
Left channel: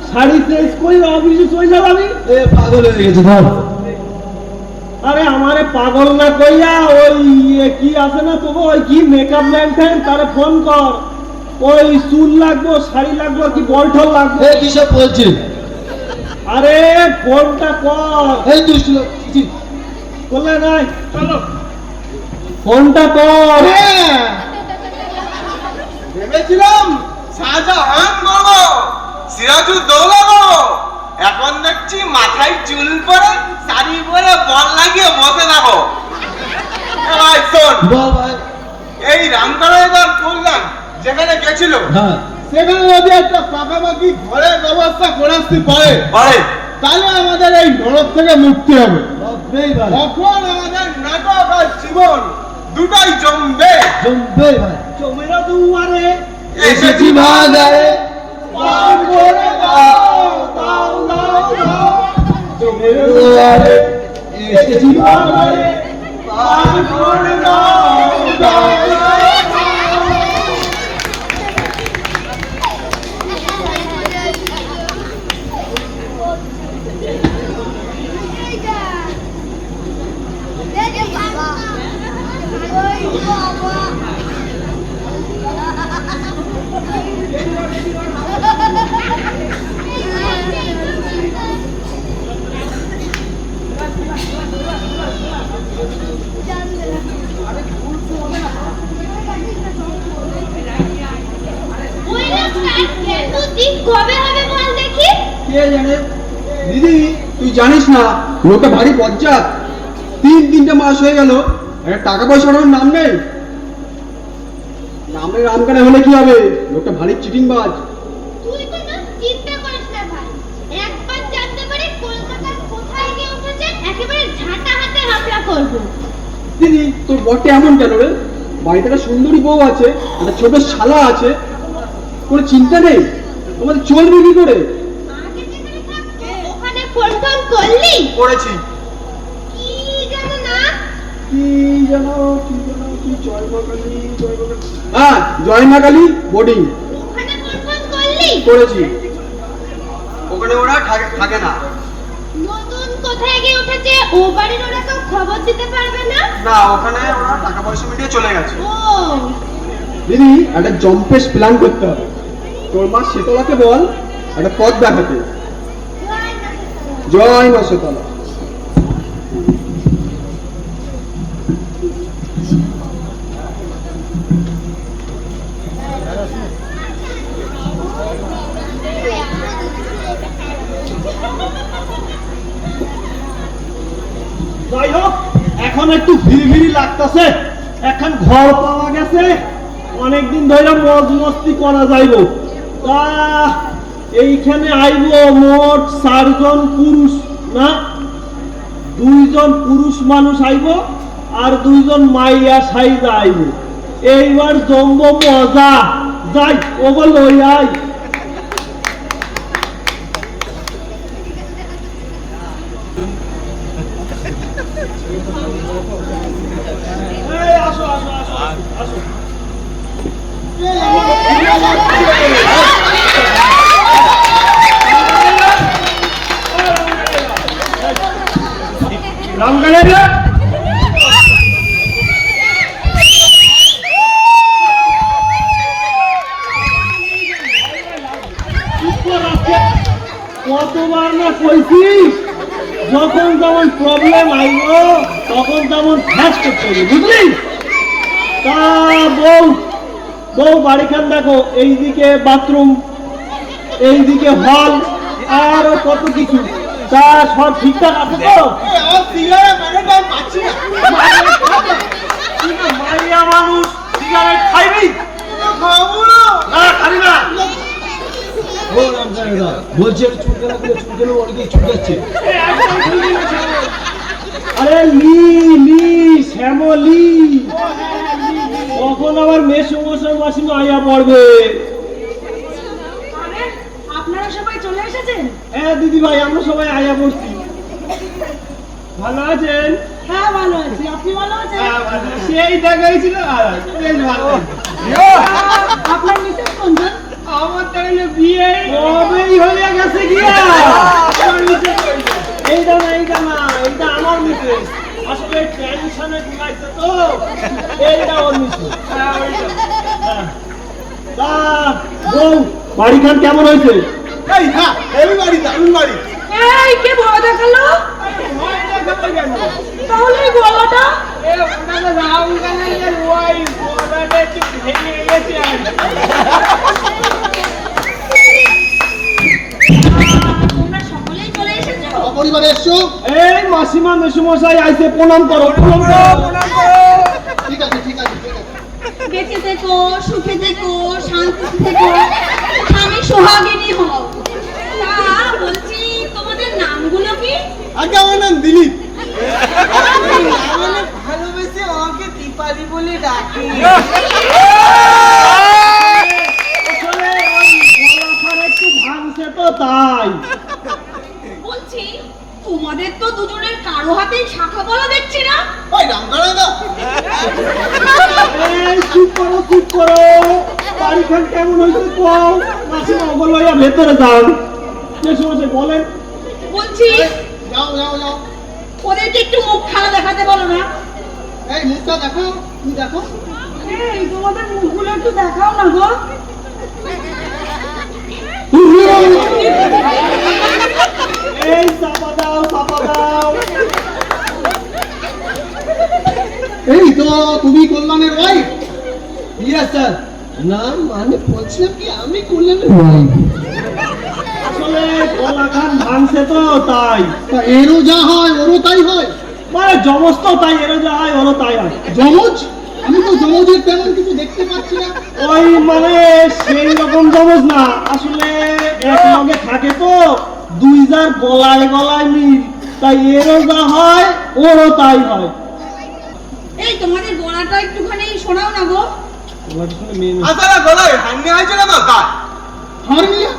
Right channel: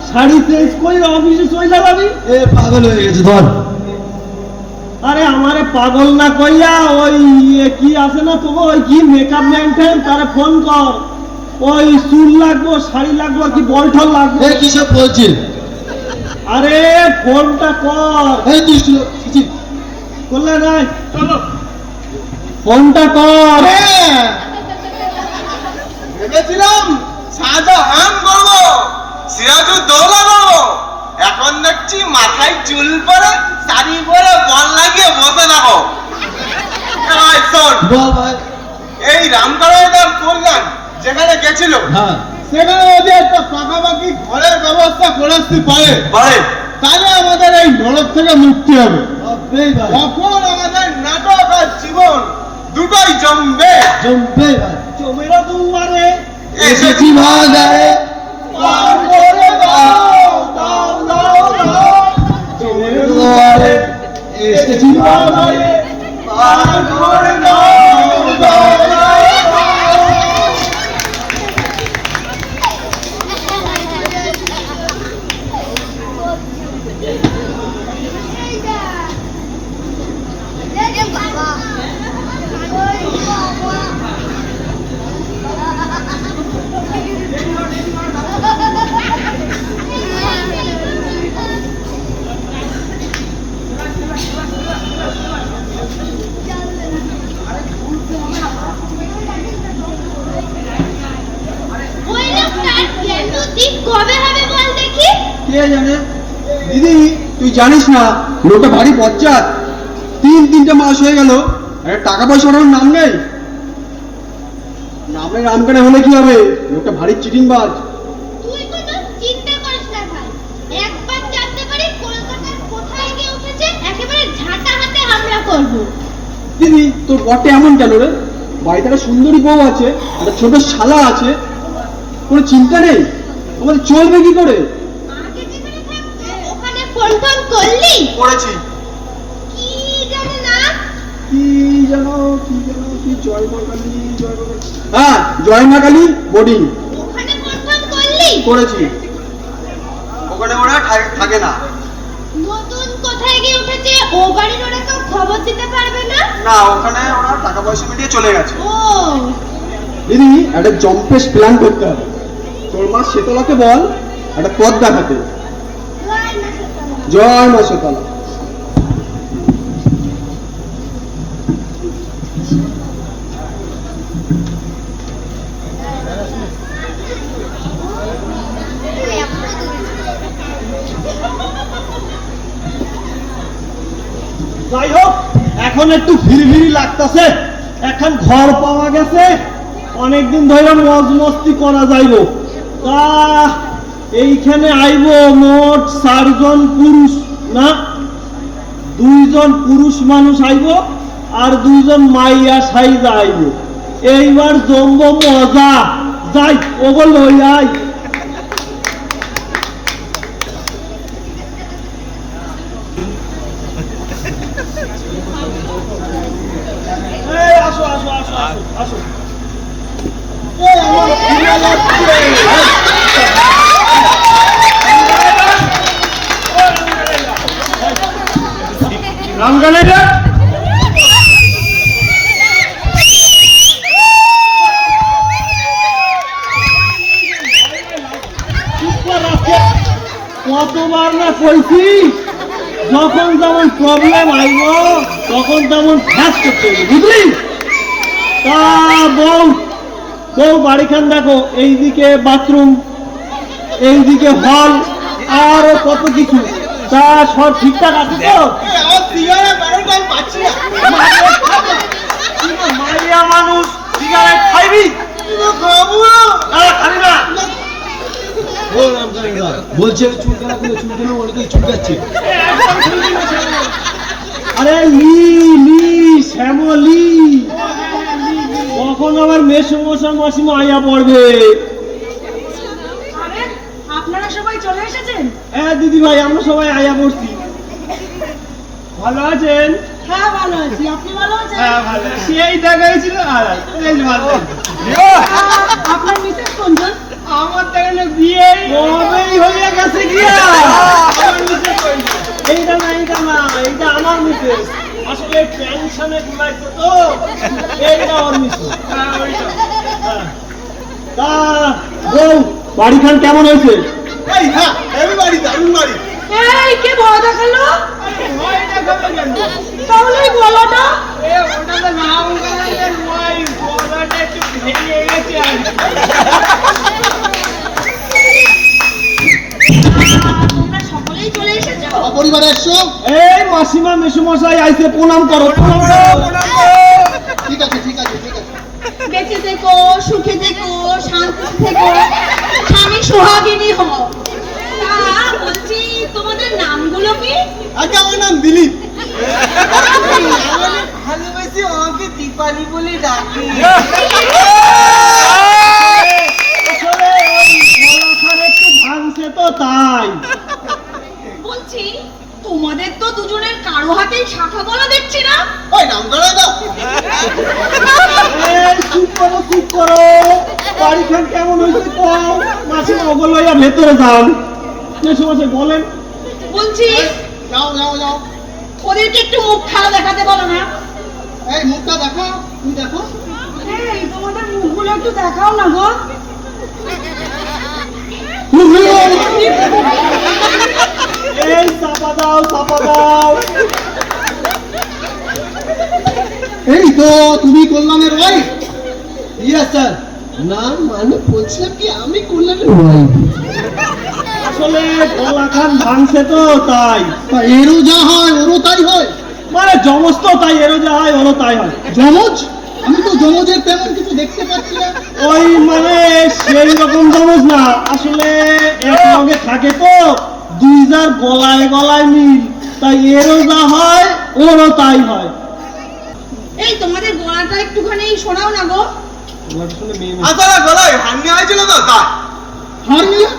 শাড়ি চেঞ্জ কইরা অফিসে চলে যাবি। এ পাগল হয়ে গেছে ধর। আরে আমারে পাগল না কইয়া ওই কি আছে না তোকে, ওই কি মেকআপ ম্যান তারে ফোন কর। ওই চুল লাগবো, শাড়ি লাগবো, কি বলঠল লাগবে? এ কি সব বলছিস? আরে ফোনটা কর। এই দুষ্ট লোক, চিচি। করলে নাই, চলো ফোনটা কর। হ্যাঁ, ভেবেছিলাম শাহজাহান করবো, সিরাজউদ্দৌলা করবো, এখন দেখছি মাথায় চুল পরে শাড়ি পরে বল লাগিয়ে বসে থাকো। ভাই শোন, বল ভাই। এই রামগড়ায় তার প্রোগ্রাম যেখানে গেছিল হ্যাঁ, সেখানে যদি একটা পাকাপাকি ঘরের ব্যবস্থা করে আসতে পারে তাহলে আমাদের এই নরক থেকে মুক্তি হবে। ভাববেই ভাই, তখন আমাদের নাটক আর জীবন দুটোই জমবে। জমবে ভাই। জমেরা দুয়ারে এসেছি বাজারে, পার করে দাও, দাও, দাও, দাও। জমেরা দুয়ারে এসেছি বাজারে, পার করে দাও, দাও, দাও, দাও। ওই লোকটার প্ল্যান বুদ্ধি কবে হবে বল দেখি? কে জানে? দিদি তুই জানিস না লোকটা ভারী বজ্জাত। 3-3টে মাস হয়ে গেল, টাকা পয়সা ওর নাম নেই। নামে রামকানা হলে কি হবে? লোকটা ভারী চিটিংবাজ। তুই কোনো চিন্তা করিস না ভাই, একবার জানতে পারি কলকাতার কোথায় গিয়ে উঠেছে একেবারে ঝাঁটা হাতে হামলা করব। দিদি তোর বটে এমন কেন রে? বাড়িতে একটা সুন্দরী বউ আছে, একটা ছোট শালা আছে, কোনো চিন্তা নেই। আমাদের চলবে কি করে? আগে যেখানে থাকতো ওখানে ফোন টোন করলি? করেছি। কি জানো না? কি জানো কি জয় মা কালী, জয় মা কালী। হ্যাঁ, জয় মা কালী বোর্ডিং ওখানে ফোন টোন করলি? করেছি। ওখানে ওরা থাকে না। নতুন কোথায় গিয়ে উঠেছে ও বাড়ির ওরা কেউ খবর দিতে পারবে না? না, ওখানে ওরা টাকা পয়সা মিটিয়ে চলে গেছে। ও দিদি একটা জম্পেশ প্ল্যান করতে হবে। তোর মা শীতলাকে বল একটা পথ দেখাতে। জয় মা শীতলা। যাই হোক, এখন একটু ভিড় লাগতেছে। এখন ঘর পাওয়া গেছে, অনেকদিন ধরে মজ মস্তি করা যাইব। তা এইখানে আইব মোট 4 জন পুরুষ, না 2 জন পুরুষ মানুষ আইব আর 2 জন মাইয়া সাইজা আইব। এইবার জমব মজা। যাই ওগো লই আই। এই আসো আসো আসো আসো। এই আমার প্রিয় লাগছে। রামগানে রে বুঝলি? তা বউ বউ বাড়িখান দেখো, এইদিকে বাথরুম, এইদিকে হল, আর কত কিছু, তা সব ঠিকঠাক আছে তো? আমার সিগারেট প্যাকেটটাই পাচ্ছি না। মাইয়া মানুষ সিগারেট খাইবি? খাবো না। খাবি না? বলছি আমি চুলকানা করে চুলকানো অনেকেই চুলকাচ্ছে। আরে লি লি শ্যামলি, কখন আবার মেসো মশা মাসিমা আইয়া পড়বে? আরে আপনারা সবাই চলে এসেছেন? হ্যাঁ দিদি ভাই, আমরা সবাই আইয়া পড়ছি। ভালো আছেন? হ্যাঁ ভালো আছি, আপনি ভালো আছেন? হ্যাঁ ভালো। সেই দেখা হয়েছিল, আর বেশ ভালো। আপনার মিসেস কোনজন? আমার তো এখানে বিয়ে কবেই হয়ে গেছে গিয়া। এইটা না, এইটা না, এইটা আমার মিসেস। আসলে টেনশনে দিলাইছে তো, এইটা আমার মিসেস। তা বউ বাড়িখান কেমন হয়েছে? এই হ্যাঁ, হেভি বাড়ি, দারুণ বাড়ি। এই কে ভয় দেখালো? তাহলে এই গলাটা? তোমরা সকলেই চলে এসেছো? অপরিবারে এসছো? এই মাসিমা মেসুমশাই আইছে, প্রণাম করো, প্রণাম করো। ঠিক আছে, ঠিক আছে, ঠিক আছে। বেঁচে থেকো, সুখে থেকো, শান্তি থেকো, স্বামী সোহাগিনী হও। তা বলছি, তোমাদের নামগুলো কি? আগে আমার নাম দিলীপ। ভালোবেসে আমাকে দীপালি বলে ডাকে। আসলে ওই গলাখান একটু ভাঙছে তো তাই। বলছি, তোমাদের তো দুজনের কারো হাতেই শাখা বলা দেখছি না। ওই নাম ধরে দাও। এই চুপ করো, চুপ করো। বাড়িখান কেমন হয়েছে কও। মাসিমা ওগুলো লইয়া ভেতরে যান। মেসুমশাই বলেন। বলছি, যাও যাও যাও। ওদেরকে একটু মুখ খাওয়া দেখাতে বলো না। এই মুখটা দেখো, তুমি দেখো। এই তোমাদের মুখগুলো একটু দেখাও না গো। এই চাপা দাও, চাপা দাও। এই তো তুমি কল্যাণের ওয়াইফ? Yes sir. না মানে বলছে কি আমি কল্যাণের ওয়াইফ। আসলে গলাখান ভাঙছে তো তাই। তা এরও যা হয় ওরও তাই হয়? মানে জমজ তো তাই, এরও যা হয় ওরও তাই হয়। জমজ? আমি তো জমজের তেমন কিছু দেখতে পাচ্ছি না। ওই মানে সেই রকম জমজ না, আসলে একসঙ্গে থাকে তো, দুই যার গলায় গলায় মিল, তাই এরও যা হয় ওরও তাই হয়। এই তোমাদের গলাটা একটুখানি শোনাও না গো। আপনারা গলায় হান্নি হয়েছিল তো তাই? হারমিয়া?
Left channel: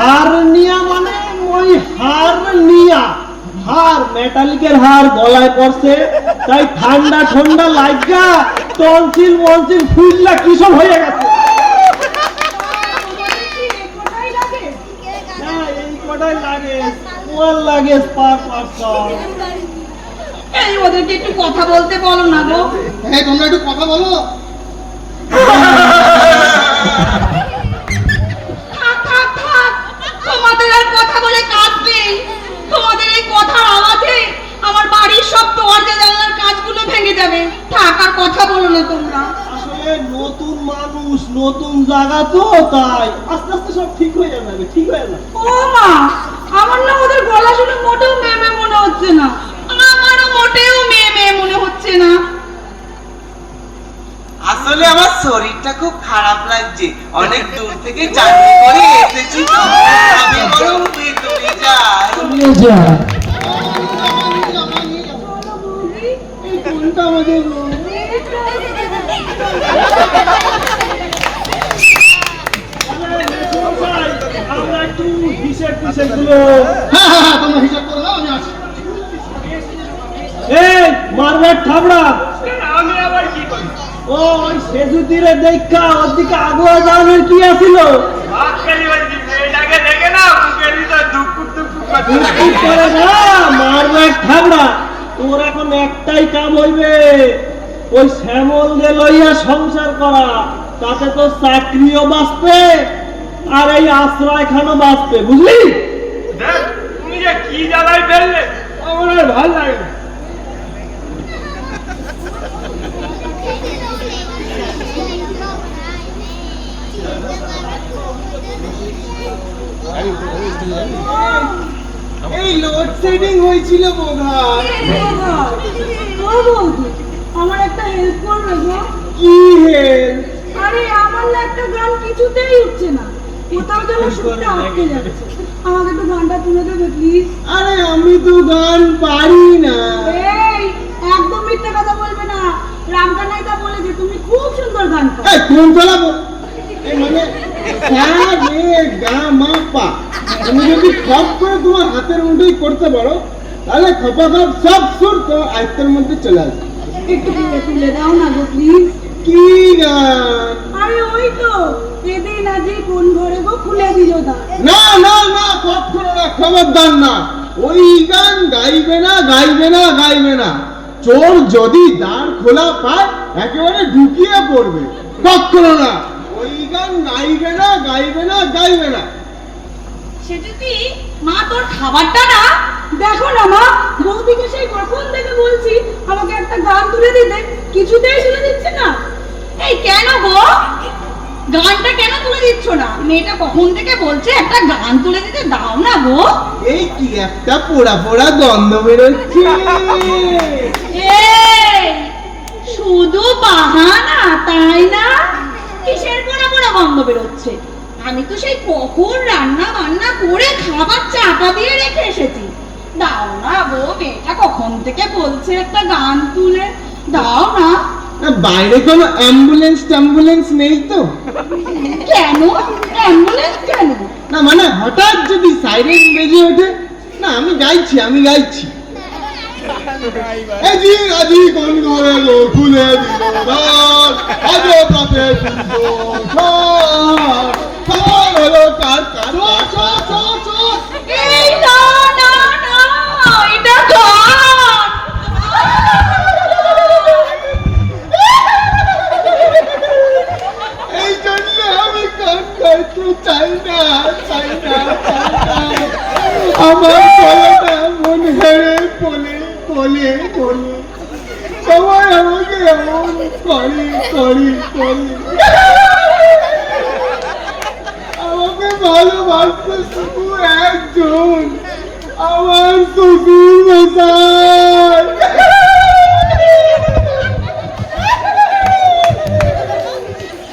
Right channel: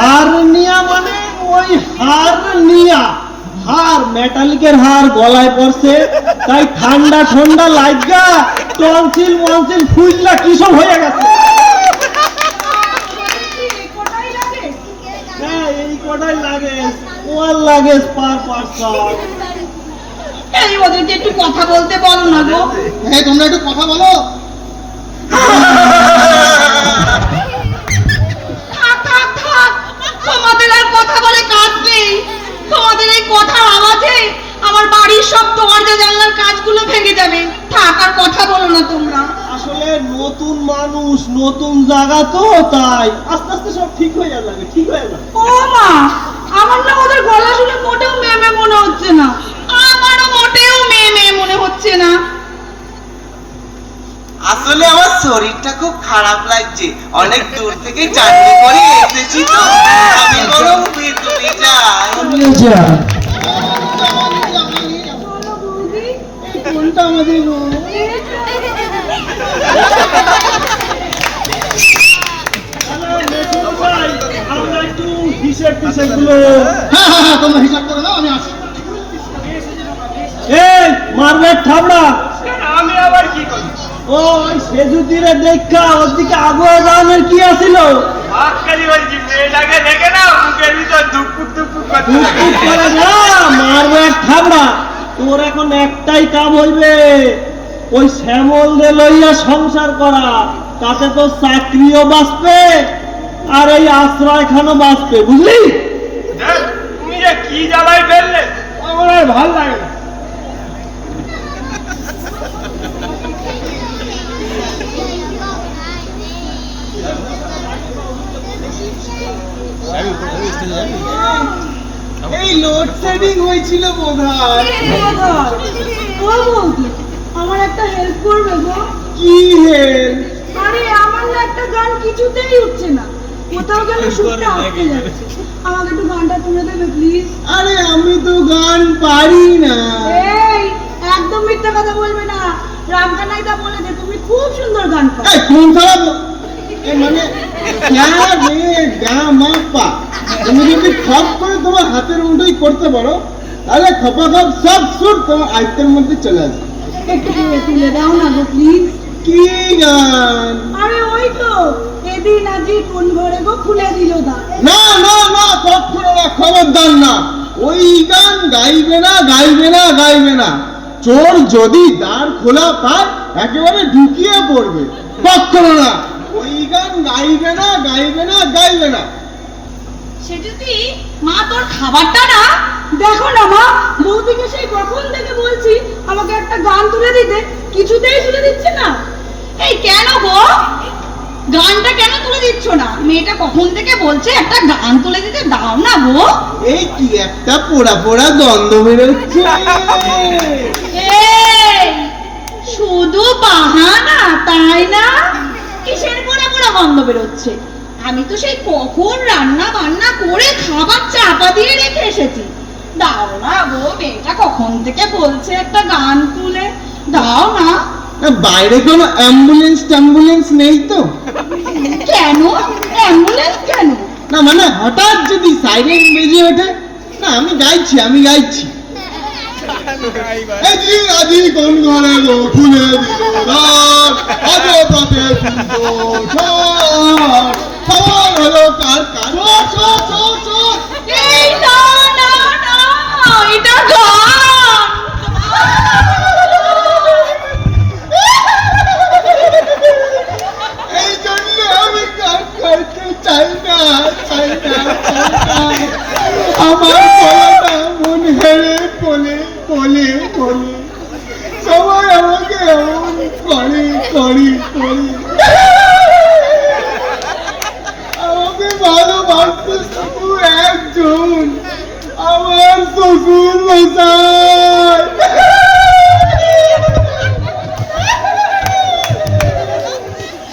হারনিয়া মানে ওই হারনিয়া, হার মেটালিকের হার গলায় পড়ছে, তাই ঠান্ডা ঠান্ডা লাগা টনসিল মনসিল ফুললা কিসব হয়ে গেছে। কোথায় লাগে? হ্যাঁ এই কটাই লাগে, ওয়ান লাগে পার পারসন। এই ওদেরকে একটু কথা বলতে বলো না গো। এই তোমরা একটু কথা বলো। থাক থাক থাক, তোমাদের আর কথা বলে কাজ নেই। তোমাদের এই কথার আওয়াজে আমার বাড়ির সব দরজা জানলার কাজগুলো ভেঙে যাবে। থাক, আর কথা বলো না তোমরা। আসলে নতুন মানুষ, নতুন জায়গা তো, তাই আস্তে আস্তে সব ঠিক হয়ে যাবে, ঠিক হয়ে যাবে। ও মা, আমার না ওদের গলা শুনে মোটেও মেয়ে মেয়ে মনে হচ্ছে না। আমারও মোটেও মেয়ে মেয়ে মনে হচ্ছে না। আসলে আমার শরীরটা খুব খারাপ লাগছে, অনেক দূর থেকে জার্নি করে এসেছি তো। আমি বরং ভেতরে যাই। আমিও যা। কোনটা আমাদের আমরা একটু হিসেব টিসেব গুলো। হ্যাঁ হ্যাঁ হ্যাঁ, তোমরা হিসাব করে নাও, আমি আসছি। এই মারবেট থাবড়া, আমি আবার কি করি? ও ওই সেজুতিরে দেখা ওদিকে আগুয়া জানের কি আছিল? বাক্কালি বলছি, মেয়েটাকে দেখে না মুখের ভিতর দুপুর দুপুর করতে কি করে না মারবেট থাবড়া, তোর এখন একটাই কাম হইবে, ওই শ্যামল দে লইয়া সংসার করা, তাতে তো চাকরিও বাঁচবে আর এই আশ্রয়খানও বাঁচবে, বুঝলি? তুমি যে কি জ্বালায় ফেললে আমার আর ভাল লাগে না। এই লোডশেডিং হয়েছিল বোধহয়। ও বৌদি, আমার একটা হেল্প করবে গো? কি হেল্প? আরে আমার না একটা গান কিছুতেই উঠছে না, কোথাও যেন সুরটা আটকে যাচ্ছে। আমাকে একটু গানটা তুলে দেবে প্লিজ? আরে আমি তো গান পারি না। এই একদম মিথ্যা কথা বলবে না, রামকানাইদা বলে যে তুমি খুব সুন্দর গান পারো। এই কোন চালাবো মানে হ্যাঁ রে গা মা পা, তুমি যদি খপ করে তোমার হাতের মুঠোই করতে পারো তাহলে খপা খপ সব সুর তোমার আয়ত্তের মধ্যে চলে আসবে। একটু তুলে দাও না গো প্লিজ। কি গান? আরে ওই তো এদিন আজি কোন ঘরে গো খুলে দিল দ্বার। না না না, কখনো না, খবরদার না, ওই গান গাইবে না, গাইবে না, গাইবে না। চোর যদি দ্বার খোলা পায় একেবারে ঢুকিয়ে পড়বে। কখনো না, ওই গান গাইবে না, গাইবে না, গাইবে না। সে যদি মা তোর খাবারটা না, দেখো না মা, বৌদিকে সেই কখন থেকে বলছি আমাকে একটা গান তুলে দিতে, কিছুতেই তুলে দিচ্ছে না। এই কেন গো গানটা কেন তুলে দিচ্ছ না? মেয়েটা কখন থেকে বলছে একটা গান তুলে দিতে, দাও না গো। এই কি একটা পোড়া পোড়া দ্বন্দ্ব বেরোচ্ছে। এই শুধু বাহানা তাই না? কিসের পোড়া পোড়া গন্ধ বেরোচ্ছে? আমি তো সেই কখন রান্না বান্না করে খাবার চাপা দিয়ে রেখে এসেছি। দাও না গো, মেয়েটা কখন থেকে বলছে একটা গান তুলে দাও না। না, বাইরে কোনো অ্যাম্বুলেন্স ট্যাম্বুলেন্স নেই তো? কেন অ্যাম্বুলেন্স কেন? না মানে হঠাৎ যদি সাইরেন বেজে ওঠে না, আমি গাইছি, আমি গাইছি। আজি আজি কোন ঘরে গো খুলে দিল দ্বার, আজ পথে খবর হলো কার কার। চোর চোর চোর চোর। এই না না না, এটা গান। এই জন্য আমি গান গাইতে চাই না, চাই না, চাই না। আমার গলাটা মন হেরে বলে বলে বলে সবাই আমাকে এমন করে করে করে। আমাকে ভালোবাসতে শুধু একজন, আমার শ্বশুর মশাই।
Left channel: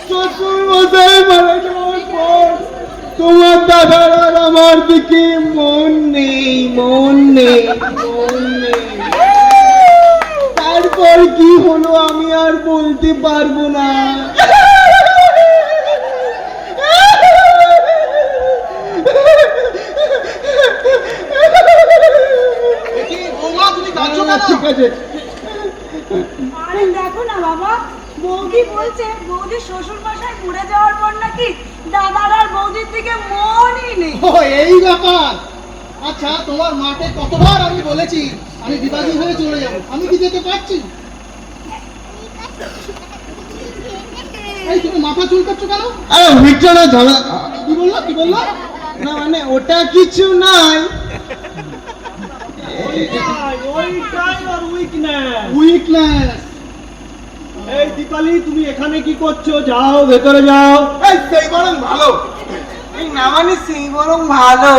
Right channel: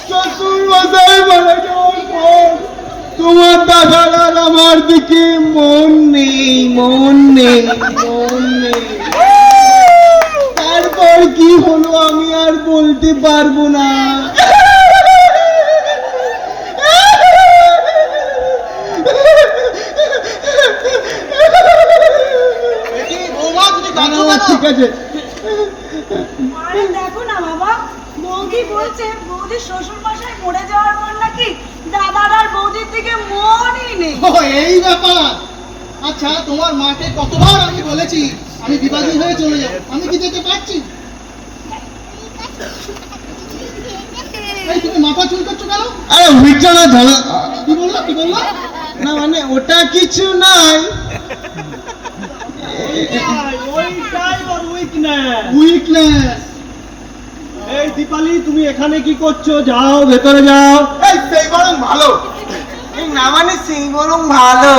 শ্বশুর মশাই মারা যাওয়ার পর তোমার দাদার আর আমার দিকে মন নেই, মন নেই, মন নেই। তারপর কি হলো আমি আর বলতে পারবো না। ঠিক আছে। আরে দেখো না বাবা, বৌদি বলছে বৌদির শ্বশুর মশাই মরে যাওয়ার পর নাকি দাদার আর বৌদির দিকে মনই নেই। ও এই ব্যাপার। আচ্ছা তোমার মাকে কতবার আমি বলেছি আমি বিবাদী হয়ে চলে যাব, আমি কি যেতে পারছি? এই তুমি মাথা চুল করছো কেন? আরে উইকটা না ধরো। কি বললো কি বললো? না মানে ওটা কিছু নাই। ওইটাই ওর উইকনেস। উইকনেস। এই দীপালি, তুমি এখানে কি করছো? যাও ভেতরে যাও। এই সেই বরং ভালো। এই না মানে সেই বরং ভালো।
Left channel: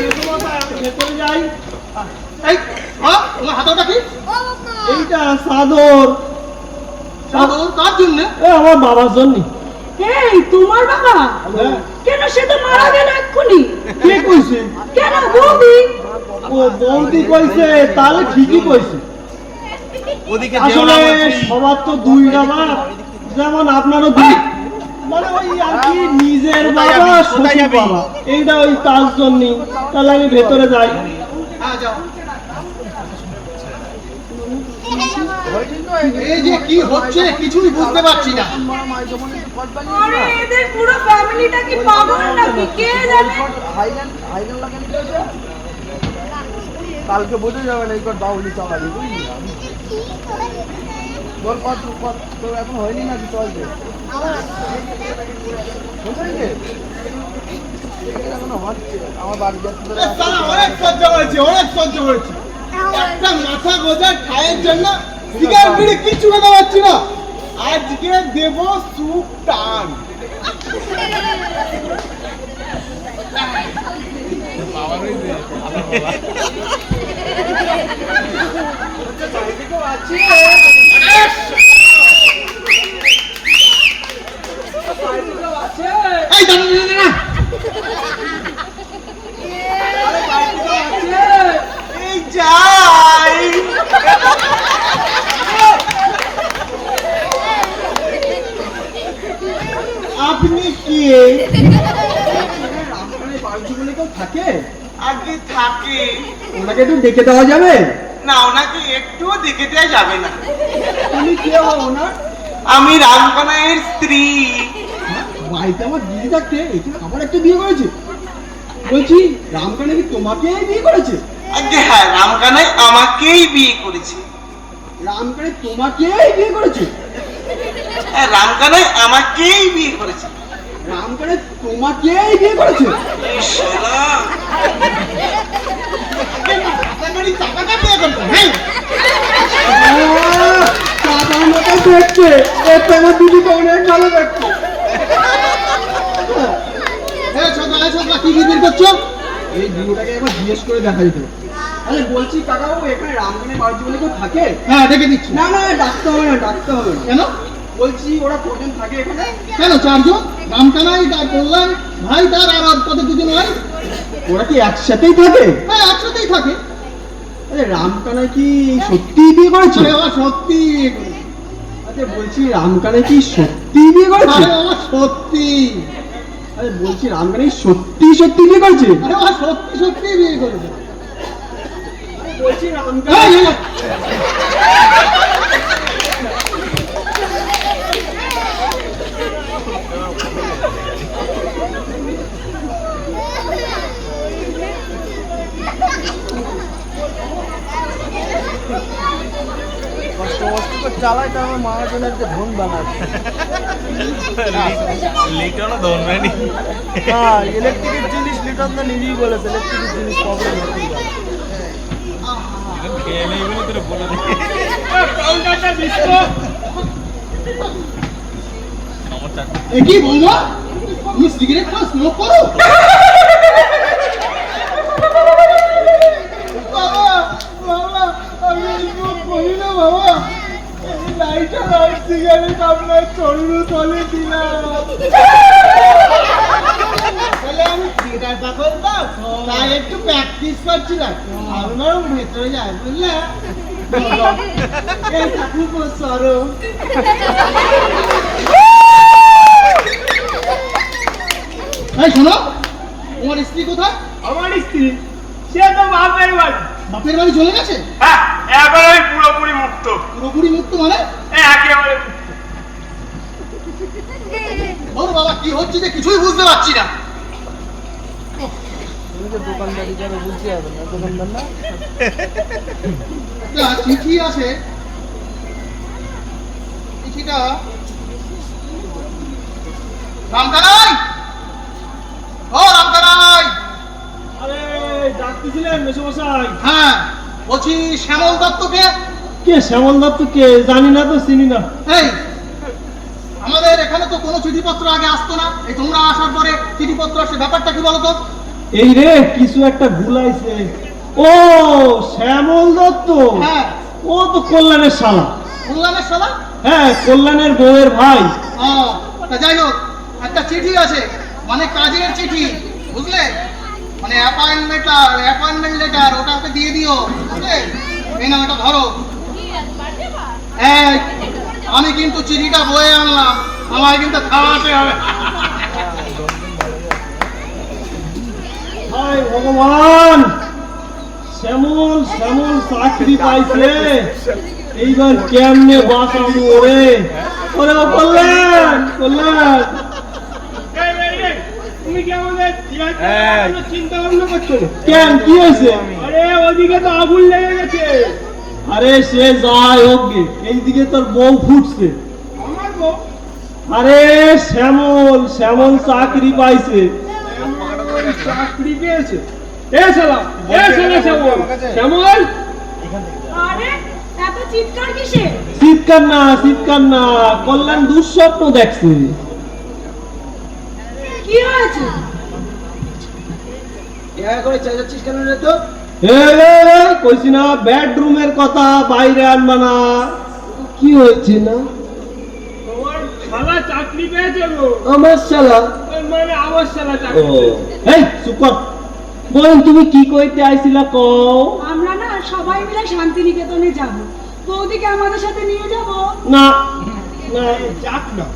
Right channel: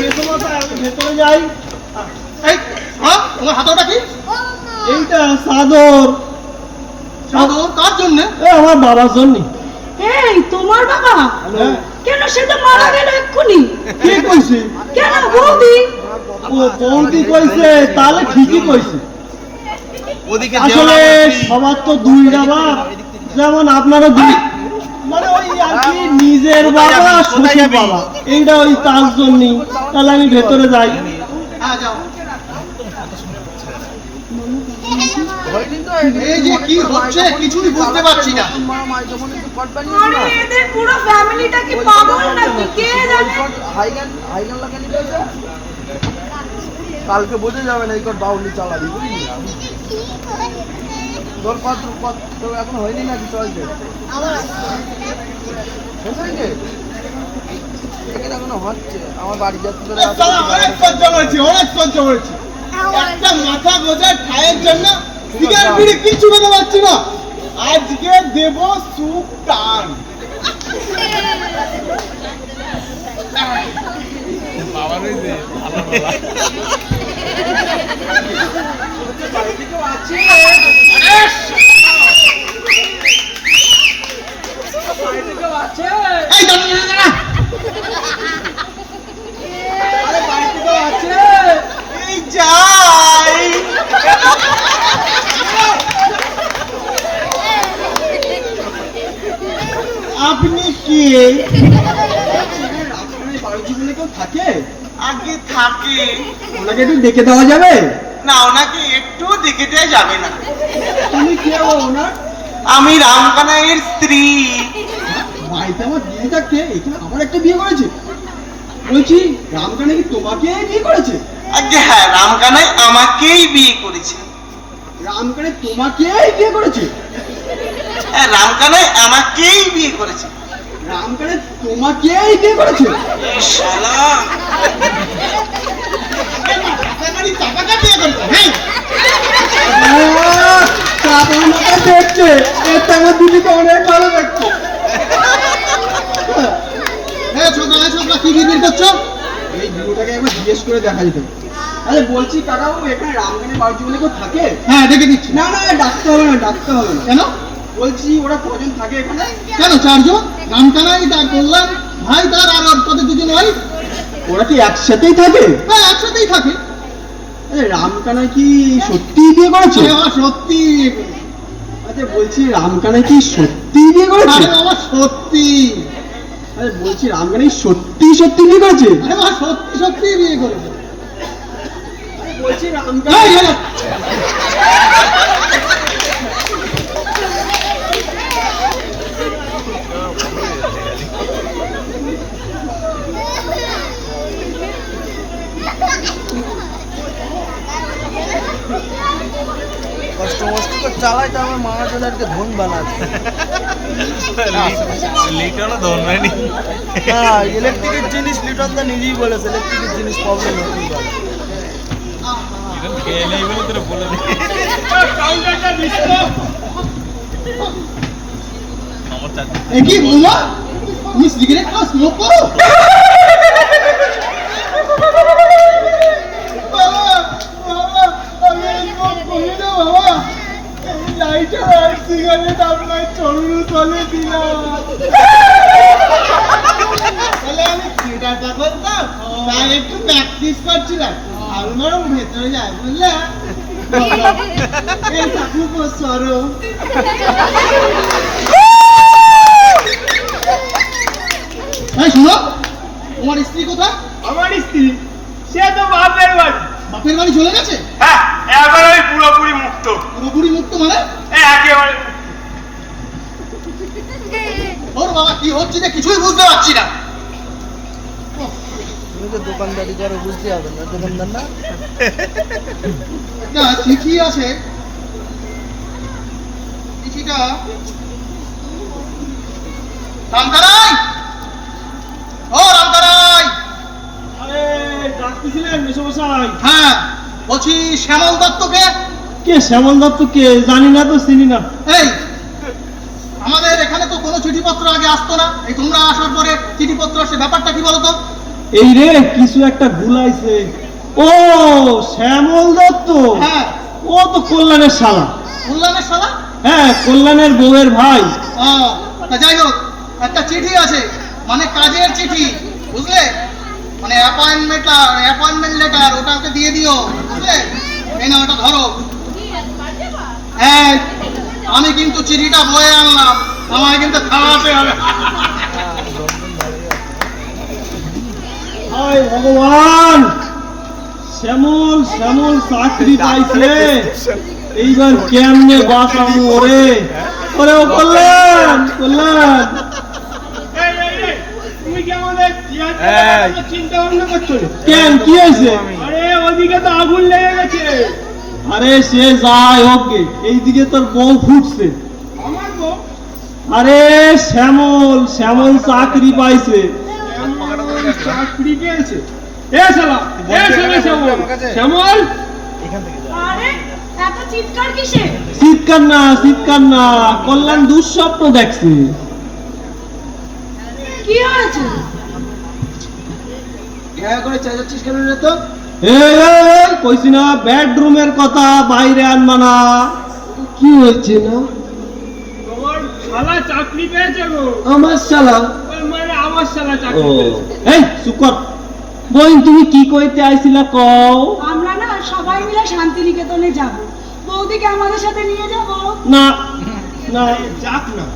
মেসোমশাই, আমি ভেতরে যাই। এই তোমার হাতটা কি? এইটা চাদর। চাদর কার জন্য? আমার বাবার জন্য। এই তোমার বাবা? হ্যাঁ। কেন, সে তো মারা গেল এক্ষুনি। কে কইছে? কেন বৌদি? ও বৌদি কইছে, তাহলে ঠিকই কইছে। আসলে সবার তো দুইটা বাপ, যেমন আপনারা দুই, মানে ওই আর কি নিজের বাবা শ্বশুর বাবা, এইটা ওই তার জন্যই। তাহলে আমি ভেতরে যাই। হ্যাঁ যাও। এই যে কি হচ্ছে কিছুই বুঝতে পারছি না। আরে এদের পুরো ফ্যামিলিটা কি পাগল নাকি কে জানে? কালকে বোঝা যাবে না এই কর বাউলি চালাবি বুঝলি? তোর পাত্র তোর এখন হয়নি নাকি? চলছে এখনো হচ্ছে। আমার বাড়ি যাচ্ছে, অনেক সহ্য করেছি, অনেক সহ্য করেছি। একটা মাথা গোজা ঠায়ের জন্য সিগারেট বিড়ি কিছু খেতে পারছি না। আজকে দেব সুখ টান। এই দাঁড়া, এই যাই আপনি কি আপনার বাড়ি বলে কেউ থাকে? আগে থাকে ওনাকে একটু ডেকে দেওয়া যাবে? না, ওনাকে একটু দেখে দেওয়া যাবে না। তুমি কে ওনার? আমি রামকানাইয়ের স্ত্রী। বাড়িতে আমার বিয়ে থাকতে এখানে আবার একটা বিয়ে করেছে? বলছি রামকানা কি তোমাকে বিয়ে করেছে? আগে হ্যাঁ, রামকানাই আমাকেই বিয়ে করেছে। রামকানা তোমাকে বিয়ে করেছে? হ্যাঁ, রামকানাই আমাকেই বিয়ে করেছে। রামকানা তোমাকে বিয়ে করেছে? এই শালা, দেখছে এর থেকে দুটোটা অনেক ভালো দেখছে। কি বিক্রি করছো? এই ভিডিওটাকে একবার জিজ্ঞেস করে দেখা যেত। আরে বলছি কাকাবাবু, এখানে রামকানের বাড়িতে বলে কেউ থাকে? হ্যাঁ, দেখে দিচ্ছি। না না, ডাকতে হবে না, ডাকতে হবে না। কেন? বলছি ওরা কজন থাকে এখানে? কেন, 4 জন। রামকানাই, তার বললাম ভাই, তার আর ওর কত 2 জন ভাই। ওরা কি একসাথেই থাকে? হ্যাঁ, একসাথেই থাকে। আরে রামকানাই কি সত্যি বিয়ে করেছে? সত্যি। আচ্ছা বলছি রামকানাই কি সত্যি বিয়ে করেছে? আমার সত্যি। আরে বলছি রামকানাই সত্যি সত্যি বিয়ে করেছে? আরে বাবা, সত্যি সত্যি বিয়ে করেছে। আরে বলছি রামকানাই চালাই তো আমার মামার জন্য একটা ধন বানাচ্ছে। লিটনও ধরবেনি। হ্যাঁ, ইলেকট্রিকের জিনিস লিটন তো নিজেই বলেছে, ইলেকট্রিকের জিনিস প্রবলেম হতেই পারে। এ কি বলবো? তুমি সিগারেট স্মোক করো? বাবা বাবা, আমি স্মোক করি না বাবা। এই লাইটার আর সিগারেট আপনার চরুর তলে দিলাম। তাহলে আমি থিয়েটারটা করতাম, তাই একটু প্র্যাকটিস করছিলাম। আমার ভেতরে যায় বুঝলে। এই ঠাকুর সরো। এই শোনো, তোমার স্ত্রী কোথায়? আমার স্ত্রী সে তো বাপের বাড়ি। বাপের বাড়ি চলে গেছে? হ্যাঁ, এবার আমি পুরোপুরি মুক্ত। পুরোপুরি মুক্ত মানে? একেবারে ওর বাবা, কি হচ্ছে যে কিছুই বুঝতে পারছি না। তুমি তো দোকানদারি করো, বুঝতে হবে না, দোকানদার না। একটা চিঠি আছে, চিঠিটা রামকানাই, ও রামকানাই। আরে ডাকতেছিলেন মেসোমশাই? হ্যাঁ, বলছি শ্যামল দত্তকে? কে শ্যামল দত্ত? কে জানি না তো, চিনি না। এই আমাদের এখানে তো কোনো চিঠিপত্র আগে আসতো না, এই তোমরা আসার পরে চিঠিপত্র আসে, ব্যাপারটা কি বলতো? এই রে, কিছু একটা ভুলাইছে। ও শ্যামল দত্ত, হ্যাঁ। ও তো কল্যাণের শালা। কল্যাণের শালা? হ্যাঁ, কল্যাণের বউয়ের ভাই। ও, তা যাই হোক, একটা চিঠি আছে, মানে কাজের চিঠি, বুঝলে, মানে অ্যাপয়েন্টমেন্ট লেটার, ওটাকে দিয়ে দিও, বুঝলে। এই না, ওটা ধরো। আমি কিন্তু চিঠিটা বয়ে আনলাম, আমায় কিন্তু খাওয়াতে হবে। হায় ভগবান, শ্যামল শ্যামল চাকরি পাইছে, এইবার কেমনে বাঁচাবো ওরে? ওরে কল্যাণ, কল্যাণ। তুমি কি আমাদের চিন্তা ভাবনা করছো? কেন, কি হয়েছে? আরে ওদিকে তো আগুন লেগে গেছে। আরে সে যাই হোক গে, এইদিকে তোর বউ ফুটছে। আমার বউ? আরে শ্যামল, শ্যামল চাকরি পাইছে। চাকরি পেয়েছে? এ শালা, এ শালা শ্যামল, শ্যামল। আরে এত চিৎকার কিসে? চিৎকার না, কল্যাণ দুঃস্বপ্ন দেখছে। কি হয়েছে? করে চেঁচাচ্ছিস কেন রে তো? এই কইছি না বেডরুমের কথা বাইরে আনবা না। কি হয়েছে না? তোমার শালা চাকরি পেয়েছে গো। আমার শালা? মানে আমার শালা ও চাকরি পেয়েছে। এই চুপ কর। বোন তুমি কি কইতে আইছিলা কও? আমরা না সবাই মিলে শান্তিনিকেতনে যাব। বৌদিকে আমাদের সাথে নিয়ে যাব। না না যাক না।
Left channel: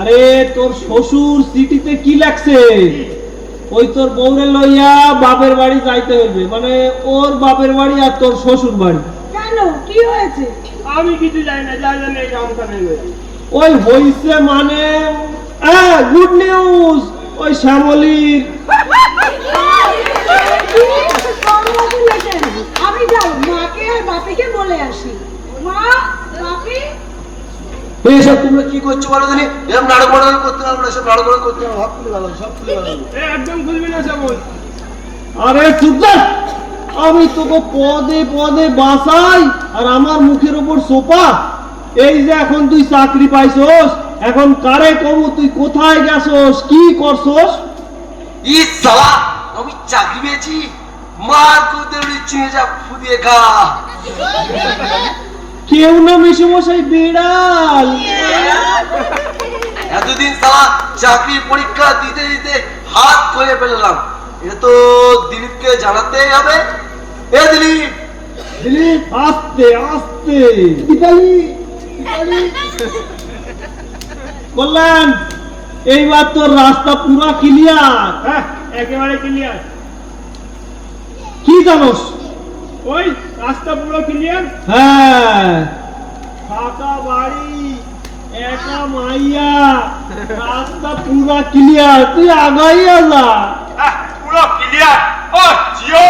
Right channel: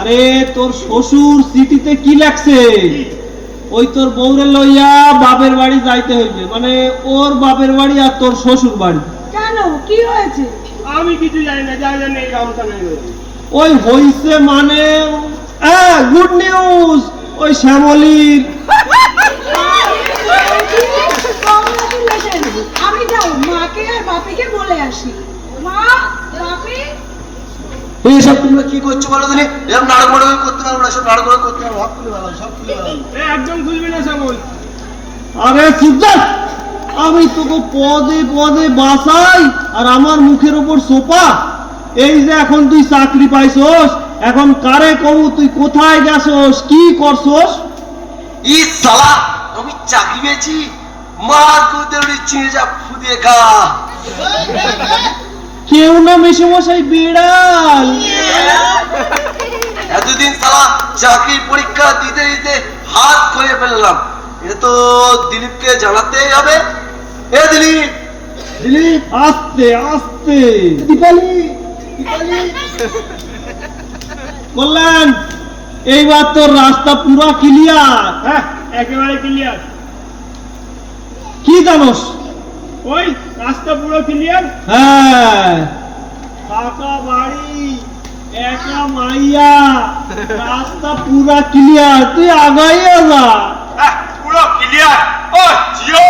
আরে তোর শ্বশুর চিঠিতে কি লেখছে? ওই তোর বউরে লইয়া বাপের বাড়ি যাইতে হইবে, মানে ওর বাপের বাড়ি আর তোর শ্বশুর বাড়ি। কেন, কি হয়েছে? আমি কিছু জানি না, যা জানি এই আমখানে হয়েছে। ওই হইছে মানে গুড নিউজ, ওই শ্যামলির। আমি যাই মাকে আর বাপেকে বলে আসি। মা, বাপে, এইসব তোমরা কি করছো বলো দিনে? এরকম নাড়া করতে পারবো না, সব নাড়া করতে পারবো, সব খুলে ভালো, সব খুলে ভালো। একদম খুলবি না সবল। আরে চুপ কর। আমি তোকে পদে পদে বাসাই আর আমার মুখের উপর সোপা। এই যে এখন তুই চাকরি পাইছস, এখন কারে কব তুই কোথায় গেছস, কি করছস? ই সালা, আমি চাকরি পেয়েছি। মার কোতে উড়িচ্ছি যা ফুদিয়ে খা। কেউ না মেশামশাই বিড়াল। এতদিন সালা চাকরির পরীক্ষা দিতে দিতে হাত খুলে ফেললাম। এটা তো দিলীপকে জানাতেই হবে। এ দিলীপ, দিলীপ আস্তে আস্তে। দীপালি, দীপালি। বললেন এইবার তোর রাস্তা পুরো ক্লিয়ার। হ্যাঁ, একেবারে ক্লিয়ার। কি জানোস? ওই রাস্তা পুরো ক্লিয়ার। হ্যাঁ, ফাঁকা বাড়ি, একা মাইয়া, রাস্তা পুরা ক্লিয়ার, তুই আগাইয়া যা। পুরো ক্লিয়ার। ও জিও,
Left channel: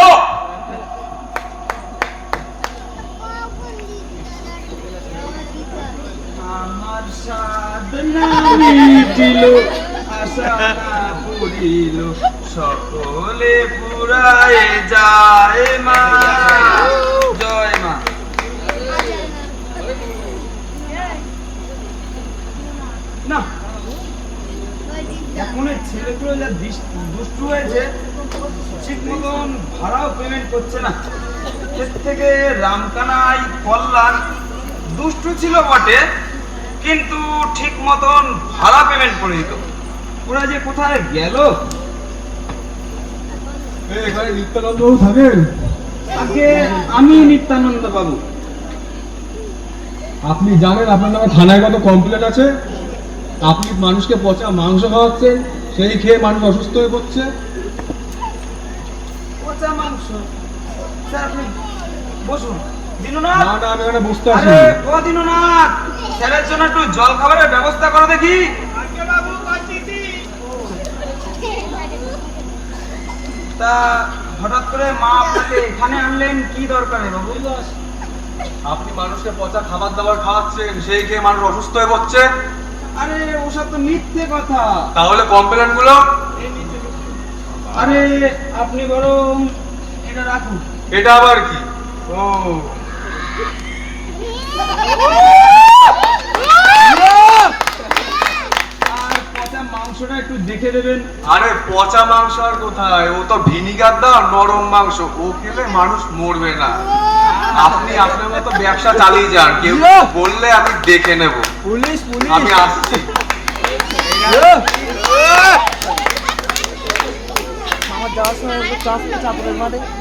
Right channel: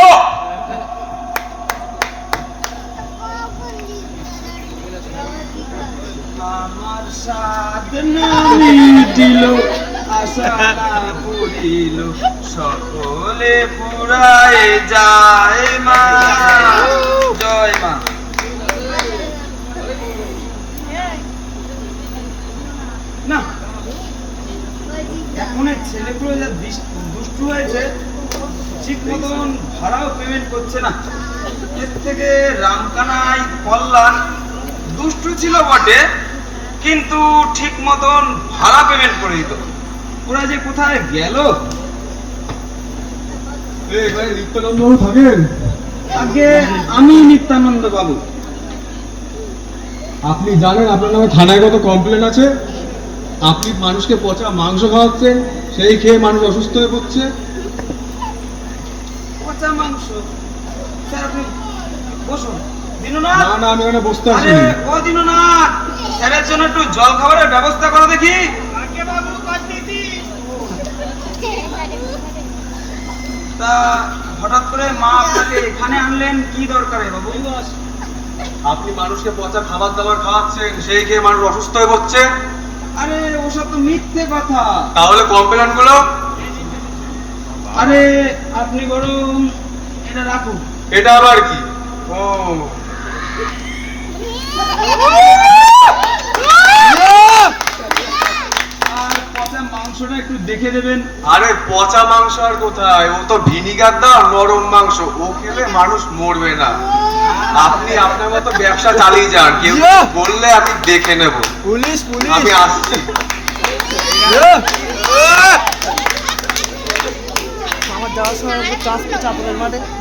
আমার সাধনা মিটিল, আশা না পুরিল, সকলে পুরায় যায় মা। জয় মা। না, এখন ছেলেগুলো যা দুষ্টু হয়েছে, ঠিক মতন ভাড়াও পেমেন্ট করছে না। এর থেকে রামকানাই কল্যাণ দুষ্টু ছিল বটে, কিন্তু ঠিক মতন ভাড়া পেমেন্ট করে দিত। ওরা যে কোথায় গেল? এখানে নিত্যানন্দ বাবু থাকেন? আগে আমি নিত্যানন্দ বাবু। আপনি জানেন আপনার নামে থানায় কত কমপ্লেন আছে? আপনি মানুষকে পচা মাংস খাওয়াচ্ছেন, সেই খেয়ে মানুষ অসুস্থ হয়ে পড়ছে। পচা মাংস? স্যার, আপনি বসুন। দীননাথ, না না, আমি এখানে বসতে আরে আসিনি। ও দীননাথ, স্যারের জন্য একটু জল খাবারের ব্যবস্থা করো দেখি। আগে বাবু করতেছি। তা হঠাৎ করে মা আপনাকে এখানে আনলেন, কি দরকারে বাবু? আপনি মানুষকে পচা খাবার দাবার খাওয়াচ্ছেন, সেই খেয়ে মানুষ অসুস্থ হয়ে পড়ছে। আরে ওসব তো মিথ্যে কথা। তাহলে কমপ্লেন গুলো? আরে আপনি বরং এটা রাখুন। এটা আবার কি? ও, আর পচা মাংসটা একটু দেখে দেবেন। আরে পচা মাংস আর কোথায়, ও তো ভিনিগার দাও, নরম মাংস, ও খেলে মানুষ মরবে না। আপনি আপনার মতো ব্যবসা চালিয়ে যান, কেউ বললে আমি দেখে নেব। Police, police. আমি আসছি।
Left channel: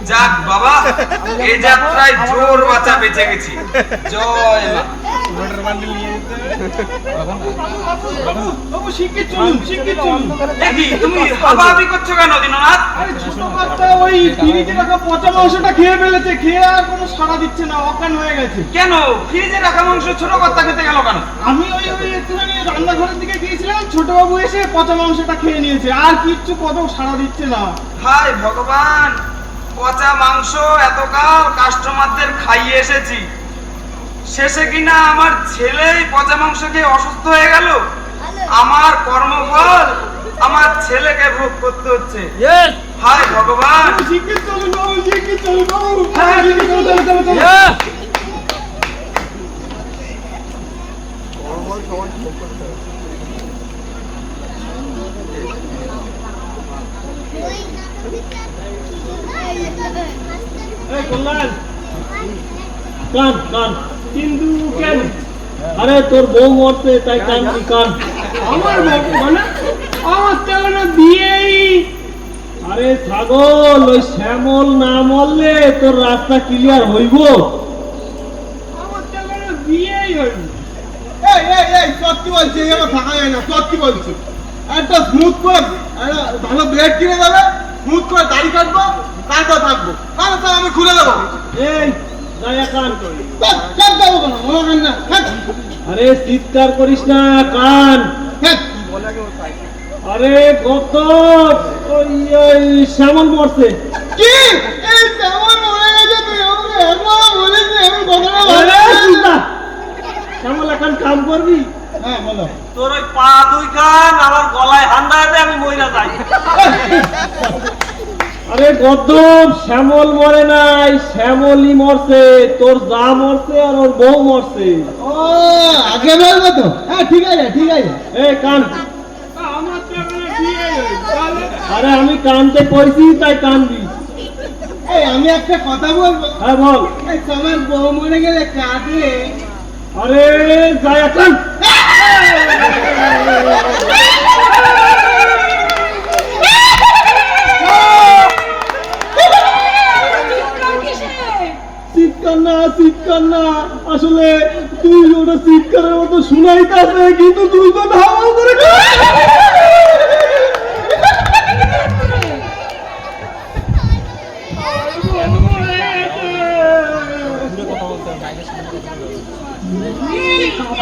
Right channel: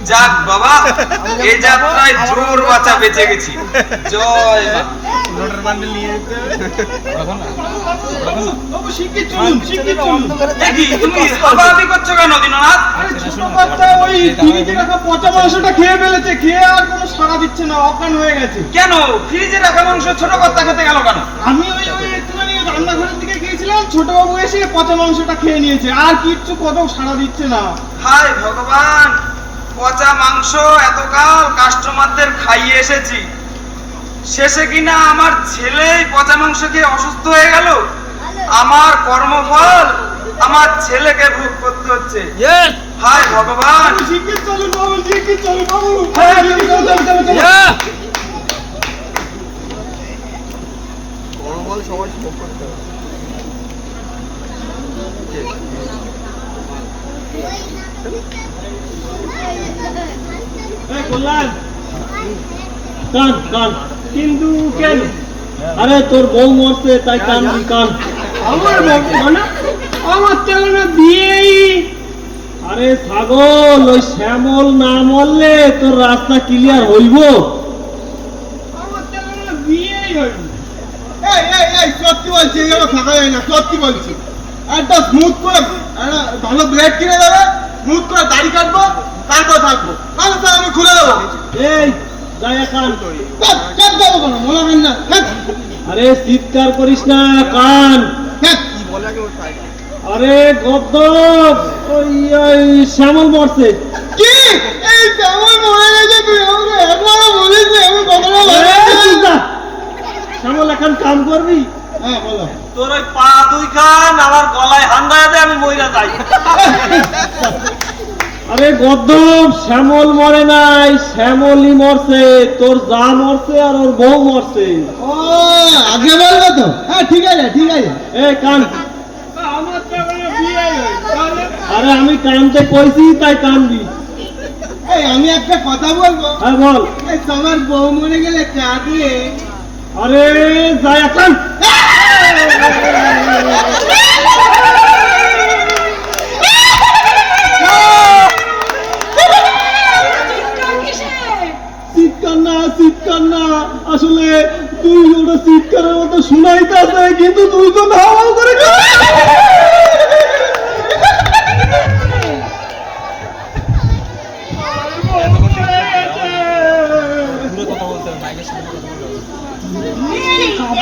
যাক বাবা, এই যাত্রায় জোর বাঁচা বেঁচে গেছি। জয় মা। বাবু শিগগির চলুন, শিগগির চলুন। দেখি তুমি হাবাহাবি করছো কেন দীননাথ? আরে ছোট বাচ্চা ওই ফ্রিজে রাখা পচা মাংসটা খেয়ে ফেলেছে, খেয়ে আর কোনো সাড়া দিচ্ছে না, অজ্ঞান হয়ে গেছে। কেন ফ্রিজে রাখা মাংস ছোট কর্তা খেতে গেল কেন? আমি ওই একটুখানি রান্নাঘরের দিকে গিয়েছিলাম, ছোট বাবু এসে পচা মাংসটা খেয়ে নিয়েছে, আর কিচ্ছু কত সাড়া দিচ্ছে না। হায় ভগবান, পচা মাংস এতকাল কাস্টমারদের খাইয়ে এসেছি, শেষে কিনা আমার ছেলেই পচা মাংস খেয়ে অসুস্থ হয়ে গেল। আমার কর্মফল আমার ছেলেকে ভোগ করতে হচ্ছে। হায় ভগবান। শিগগির চলুন বাবু, শিগগির চলুন বাবু। হ্যাঁ, চলো, চলো, চলো, চলো। এই কল্যাণ, কান কান। কিন্তু কেন? আরে তোর বউ মরছে তাই কানবি, কান। আমার বউ মানে আমার তো এখনো বিয়েই। আরে ছাগল, ওই শ্যামল না মরলে তোর রাস্তা ক্লিয়ার হইব? আমার তো এখনো বিয়েই হইনি। এই এই এই সত্যি বলছি, এগুলো ফাঁকা হয় না, সত্যি বলছি। একটা স্মুথ করে একটা ভালো ব্লেড কিনে দেবে, স্মুথ করে দাড়ি কাটবো, তারপর থাকবো, কারণ তো আমি খুলে দেবো। এই যায়া কান। কাট যাবো কেন, মনে হয় না। কাট, আরে চিৎকার করিস না, কান। কাট। আরে গদ্দপ, ওই শ্যামল মরছে। কি? এই কেমন মনে গেছে, তুই আমাকে একবারও বলিস নি, এমন কথাটা আরে বলিস চুপ না। থাক। শ্যামল এখন কাম করবি? হ্যাঁ বলো। তোর ওই পা দুই কান আমার গলায় হান্দাতে আমি মইরা যাই। আরে গদ্দপ, শ্যামল মরে নাই, শ্যামলই মরছে। তোর যা মরছে আর ওর বউ মরছে। ও আগে বলবো তো। হ্যাঁ ঠিক আছে, ঠিক আছে। এই কান। আমার তো এখনো বিয়ে হয়নি, তাহলে? আরে আমি কানতে কইছি তাই কানবি। এই আমি একটা কথা বলবো। হ্যাঁ বল। এই তোমার বউ মরে গেলে কাঁদলে? আরে যায়া কান। চিৎকার না, চিৎকার না, আসলে তুই ওটা চিৎকারের মতো শোনাইতে আসে, কিন্তু তুই তো ধাও করে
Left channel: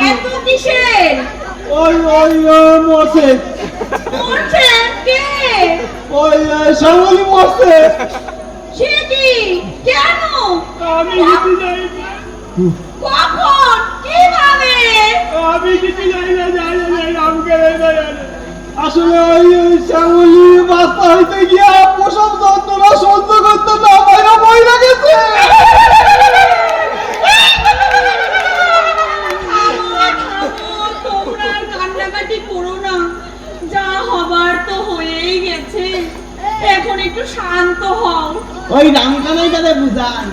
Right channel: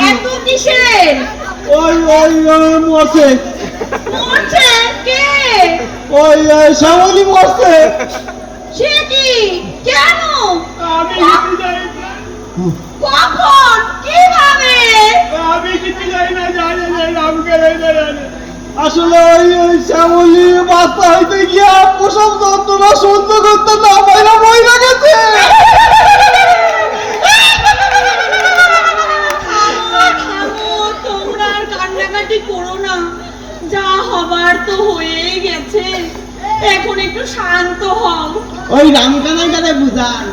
এত কিসের? ওই ওই মরছে, মরছে কে? ওই শ্যামলি মরছে। সে কি? কেন? আমি কিছু জানি না, কখন? কিভাবে? আমি কিছু জানি না, জানি না, আমাকে জানি। আসলে ওই শ্যামলি বাচ্চা হইতে গিয়া প্রসব যন্ত্রণা সহ্য করতে না পাইরা মইরা গেছে। তোমরা আর কান্নাকাটি করো না, যা হবার তো হয়েই গেছে, এখন একটু শান্ত হও। ওই রামকানাই কাছে বুঝান।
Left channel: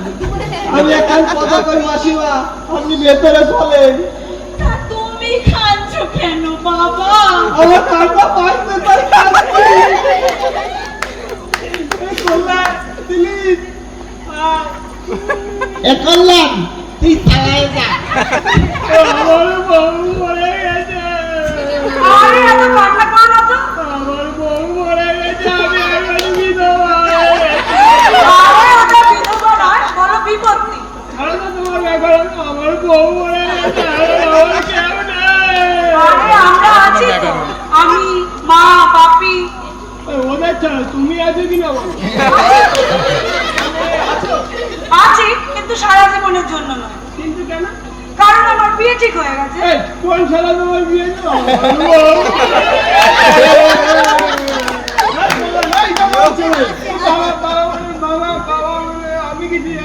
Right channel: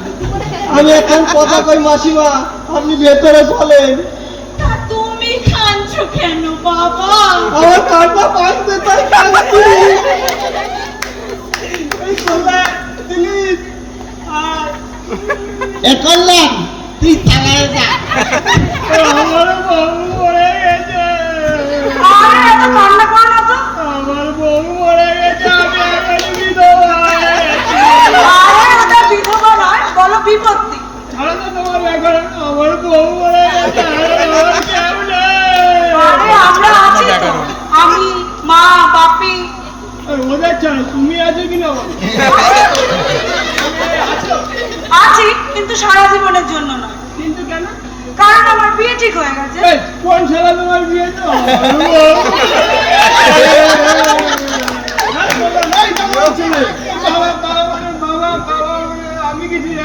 আমি এখন কথা কই মাসিমা, আপনি ভেতরে চলেন। তা তুমি কাঁদছো কেন বাবা? আমার কান্না পাচ্ছে তাই কাঁদছি। এই কল্যাণ, প্লিজ আয়। এ করলাম, তুই চালায় যা। আমার বউ মরে গেছে। আর এত কান্না করো না তো। আমার বউ মরে গেছে, আমি এখন বিধবা। আরে ওটা বিধবা নয়, বলো বিপত্তি। ছাড়ো তো তোমার ব্যাপার, আমার বউ মরে গেছে, আমার কেউ নেই। আরে আমরা আছি তো, আমি, মা, বাপি। ওদের ছাড়া তুমি আছো কিনা বলো? আছি, কিন্তু সারা জীবনের জন্য নয়। কিন্তু কেন? কারণ আমার বিয়ে ঠিক হয়ে গেছে। এই, কোন শালা তোমার বিয়ে তো?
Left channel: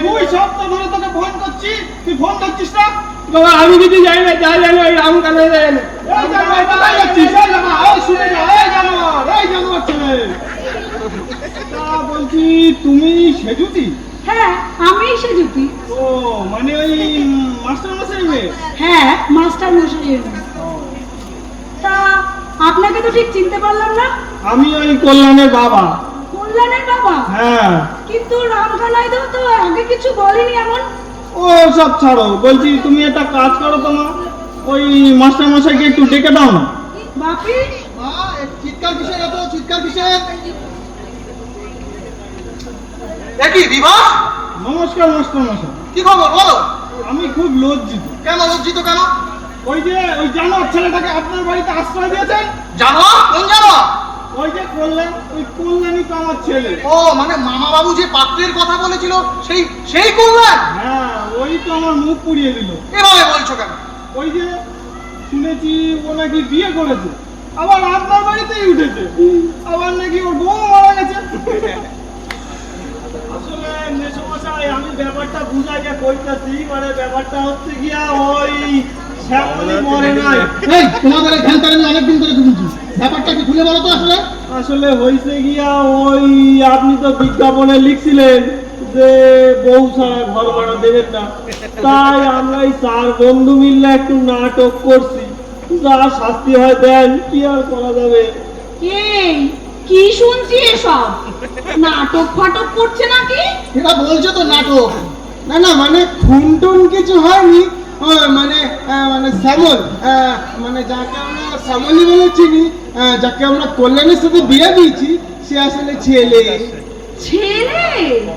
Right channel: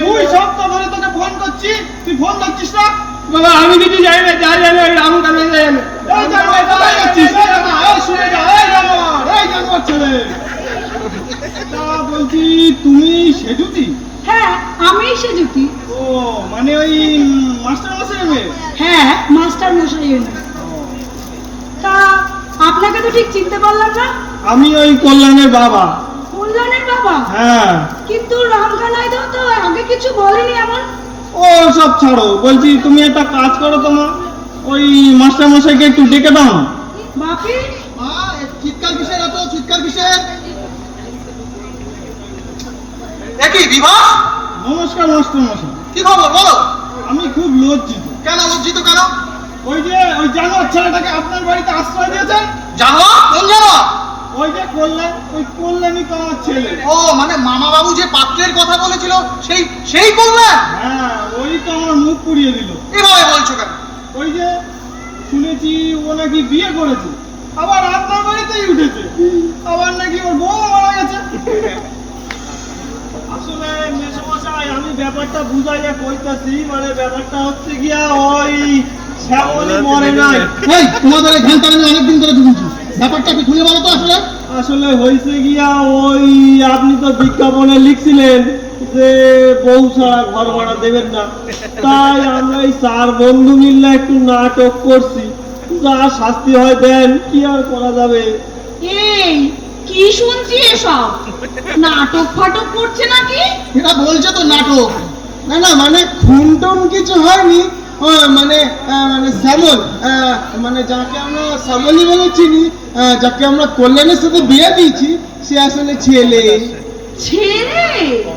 তুই সব তো ধরে তোকে ফোন করছি, তুই ফোন করছিস না? বাবা আমি কিছু জানি না, জানি না, আমি কানে যাই না। এই জানোয়ার, কোথায় যাচ্ছিস? এই জানোয়ার, আয় শুনে যা, এই জানোয়ার, এই জানোয়ার ছেলে। তা বলছি তুমি সেজুতি? হ্যাঁ, আমি সেজুতি। ও মানে ওই মাস্টার মশাই মেয়ে? হ্যাঁ, মাস্টার মশাইয়ের মেয়ে। তা আপনাকে তো ঠিক চিনতে পারলাম না। আমি ওই কল্যাণের বাবা। কল্যাণের বাবা? হ্যাঁ। কিন্তু রামকানাই দাও তো আগে কিছু বলেনি এমন। ও সব ছাড়ো, বলছি তুমি একটা কাজ করো তো মা, ওই মাস্টার মশাইকে একটু ডেকে দাও। বাপি, মা, চিৎকার কিসের, এত চিৎকার কিসের? একই বিবাহ? নমস্কার মাস্টার মশাই, কি খবর বলো? আমি খুব লজ্জিত। কেন লজ্জিত কেন? ওই যে ওই জানোয়ার ছেলেটাকে আপনার বাড়িতে আশ্রয় দিয়েছেন, জানো কোন জানো? ওই যে কল্যাণ, ওই কল্যাণই তো আমার ছেলে। ও মানে মামা বাবু যে পাত্রের কথা বলেছিল সেই সেই করলেন? হ্যাঁ, ওই তো আমার মুখ পুড়িয়ে দিল। এভাবে বলছো কেন? ওই যে শুনেছি ও নাকি বিয়ে করেছে, আবার আপনার বাড়িতেই উঠেছে, আবার নাকি ওর বউ মারা গেছে। আসলে মেসোমশাই, আমি ব্যাপারটা বুঝাইয়া কইতেছি, মানে ব্যাপারটা হচ্ছে গিয়া ওই শ্যামলী মরে নাই। এই তোমাদের এই ঘ্যানটা আমি অনেকদিন ধরে বুঝছি, ব্যাপারটা কি খুলে বলো তো আসলে? আসলে হয়েছে গিয়া ওই আপনি তো বিজ্ঞাপনে লিখছিলেন যে বউ ছাড়া ঘর ভাড়া দেবেন না, তাই আমরা এই 4 বন্ধু মিলে একটু নাটক করছি, যা শাস্তি হয় দেন, কি আর করা যাবে। এই কি শুনছি এসব? নাটক ফাটক করছে নাকি? এটা বলছে তো নাটক। না না মানে খুন টুন কিছু হয়নি, মানে মানে শ্যামল, মানে যাকে আমরা শ্যামলী বলে চিনি, যাকে আমরা কল্যাণের সাথে বিয়ে দিয়েছি, সে আসলে ছেলে। ছেলে?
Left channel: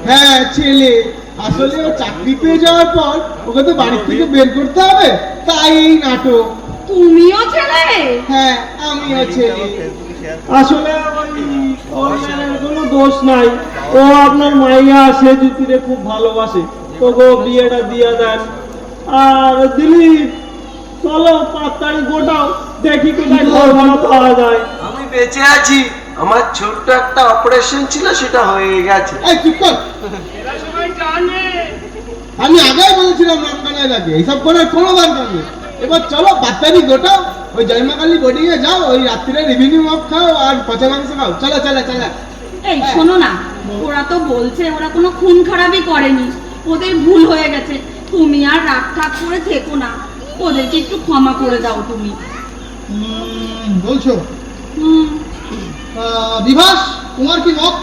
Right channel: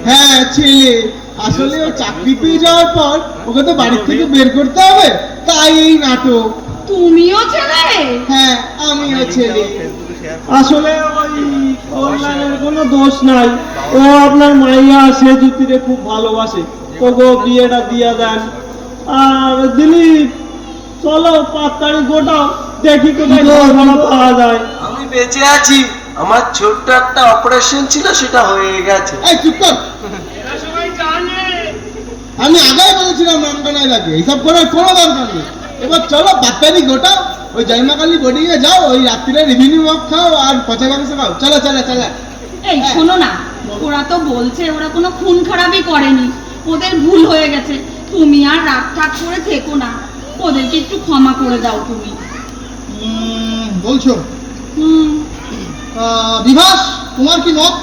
হ্যাঁ ছেলে। আসলে ও চাকরি পেয়ে যাওয়ার পর ওকে তো বাড়ি থেকে বের করতে হবে, তাই এই নাটক। তুমিও ছেলে? হ্যাঁ আমিও ছেলে। আসলে ওই কল্যাণের কোনো দোষ নাই, ও আপনার মাইয়া সে জ্যোতিরে খুব ভালোবাসে, তবু বিয়েটা দিয়ে দেন। আর দিলীপ, চলো 5 তারিখ গোটাও, দেখি কোথায় ঘর ভাড়া পাওয়া যায়। আমি বেঁচে আছি, আমার ছোট্ট একটা অপারেশন ছিল, সেটা হয়ে গেছে। এই চুপ কর। আমি আগেই বলেছিলাম রামকানায় লাগে, এইসব করার কোনো দরকার নেই। এবার চলো বাচ্চারি গোটাও, ওই জয়মাকালী বোর্ডিং এ যাও, ওই রাত্রিরে রেভিনিউ মক খাও আর পচা মাংস খাও। চলো চলো চলো। এই শোনো না, ওরা তো বলছে ওরা কোনো খুন খারাপই করেনি, ওদের ভুল হয়ে গেছে। তুমি আর রাগ ঠাক করে থেকো না, ওদেরকে একটু ক্ষমা করে দাও তুমি। বলছো? হুম। বিভাস, তোমার কি মত?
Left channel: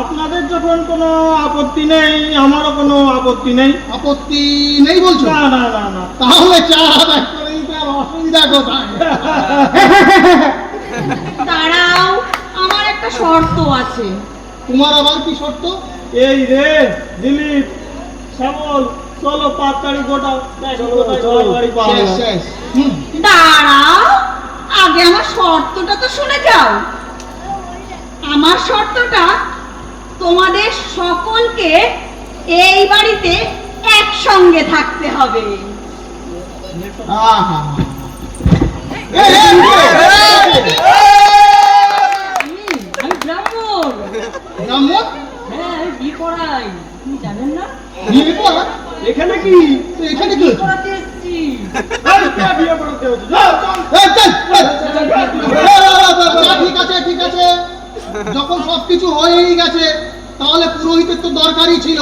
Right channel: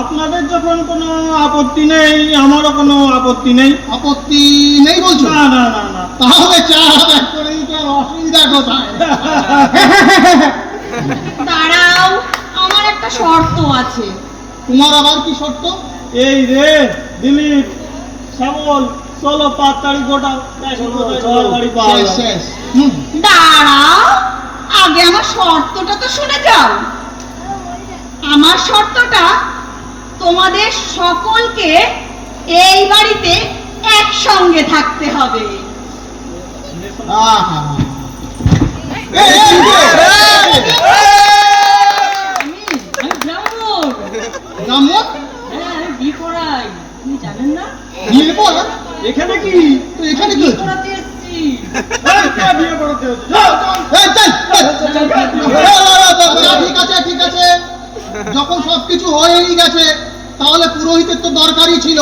আপনাদের যখন কোনো আপত্তি নেই, আমারও কোনো আপত্তি নেই। আপত্তি নেই বলছো? না না না না। তাহলে চা ব্যাক করে দিতে আমার অসুবিধা কোথায়? দাঁড়াও, আমার একটা শর্ত আছে। তোমার আবার কি শর্ত? এই রে দিলীপ, শ্যামল, চলো 5 তারিখ গোটাও, দেখি কোথায় ঘর বাড়ি পাওয়া শেষ যায়। শেষ। হুম। দাঁড়াও, আগে আমার শর্তটা তো শুনে যাও। আমার শর্তটা তোমাদের সকলকে এই বাড়িতে একসঙ্গে থাকতে হবে। আহা। আমি ব্রাহ্মণ। ব্রাহ্মণ? হ্যাঁ, বিয়ে করাই, তুমি জানেন না? বিয়ে করা? এখানে কি? তুই এখানে কি? বিয়ে করাতে এসেছি। এই, কে বিয়ে করতে হচ্ছে? যাও, যাও। এই, চল। ঠিক আছে ঠিক আছে, যখন সবকিছু হয়েই গেছে তাহলে পুরোহিতের তো দরকারই ছিল,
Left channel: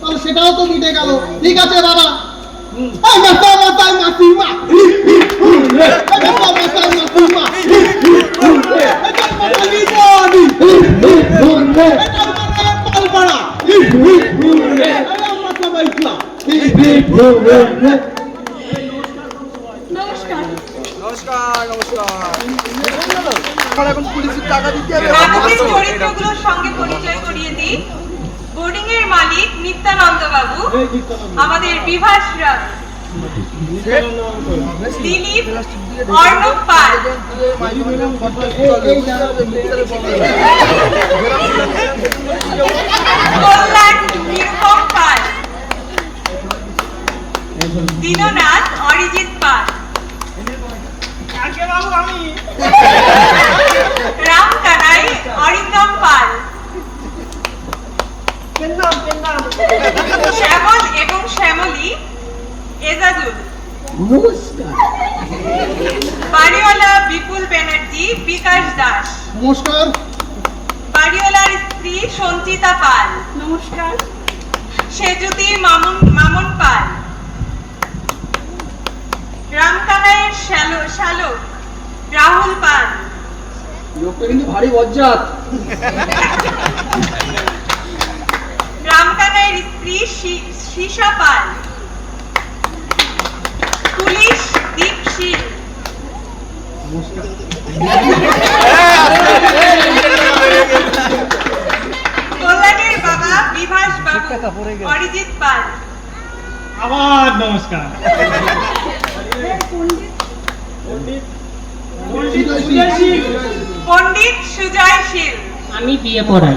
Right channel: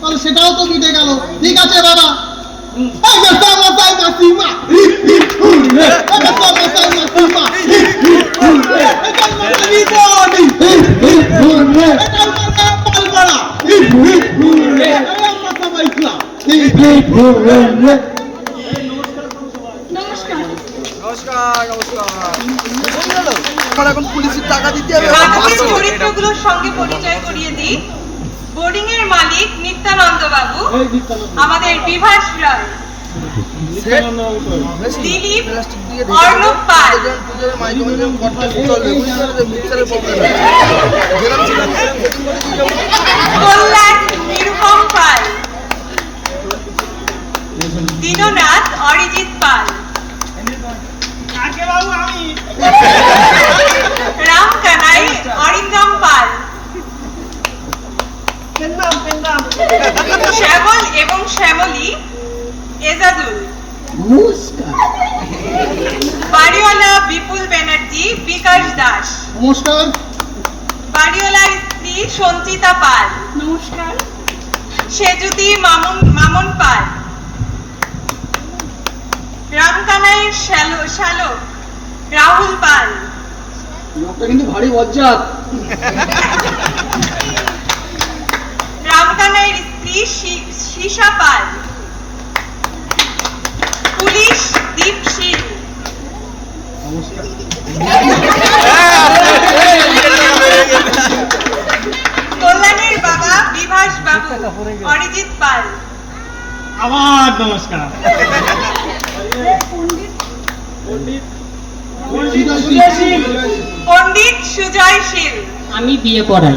তাহলে সেটাও তো মিটে গেল। ঠিক আছে বাবা। নমস্কার। নাটকের চরিত্রগুলোর সঙ্গে পরিচয় করিয়ে দিই। বোর্ডিং এর মালিক নিত্যানন্দ বাবু, আমাদের বিভাস রায়, দিলীপ অর্ণব পাল, কল্যাণ নিরুপম পাল, দীননাথ অরিজিৎ পাল, রামকানাই অরিন্দম পাল, শ্যামল এবং শ্যামলী এজাজুল, বাড়িওয়ালা বিপুল ব্যানার্জি বিকাশ দাস, নমস্কার। বাড়িওয়ালার স্ত্রী সঞ্চিতা পাল, নমস্কার। সেজুতি মামুন পাল, রামকানাইয়ের শ্যালক রাহুল পাল, লোকটা কিন্তু ভারী বজ্জাত। রামকানাইয়ের স্ত্রী সীসা পাল, পুলিশ দীপশীল, কল্যাণীর বাবা বিভাস বাবু অরিজিৎ পাল। আবার নমস্কার। পণ্ডিত সুজয় শীল। আমি বিয়ে পড়াই।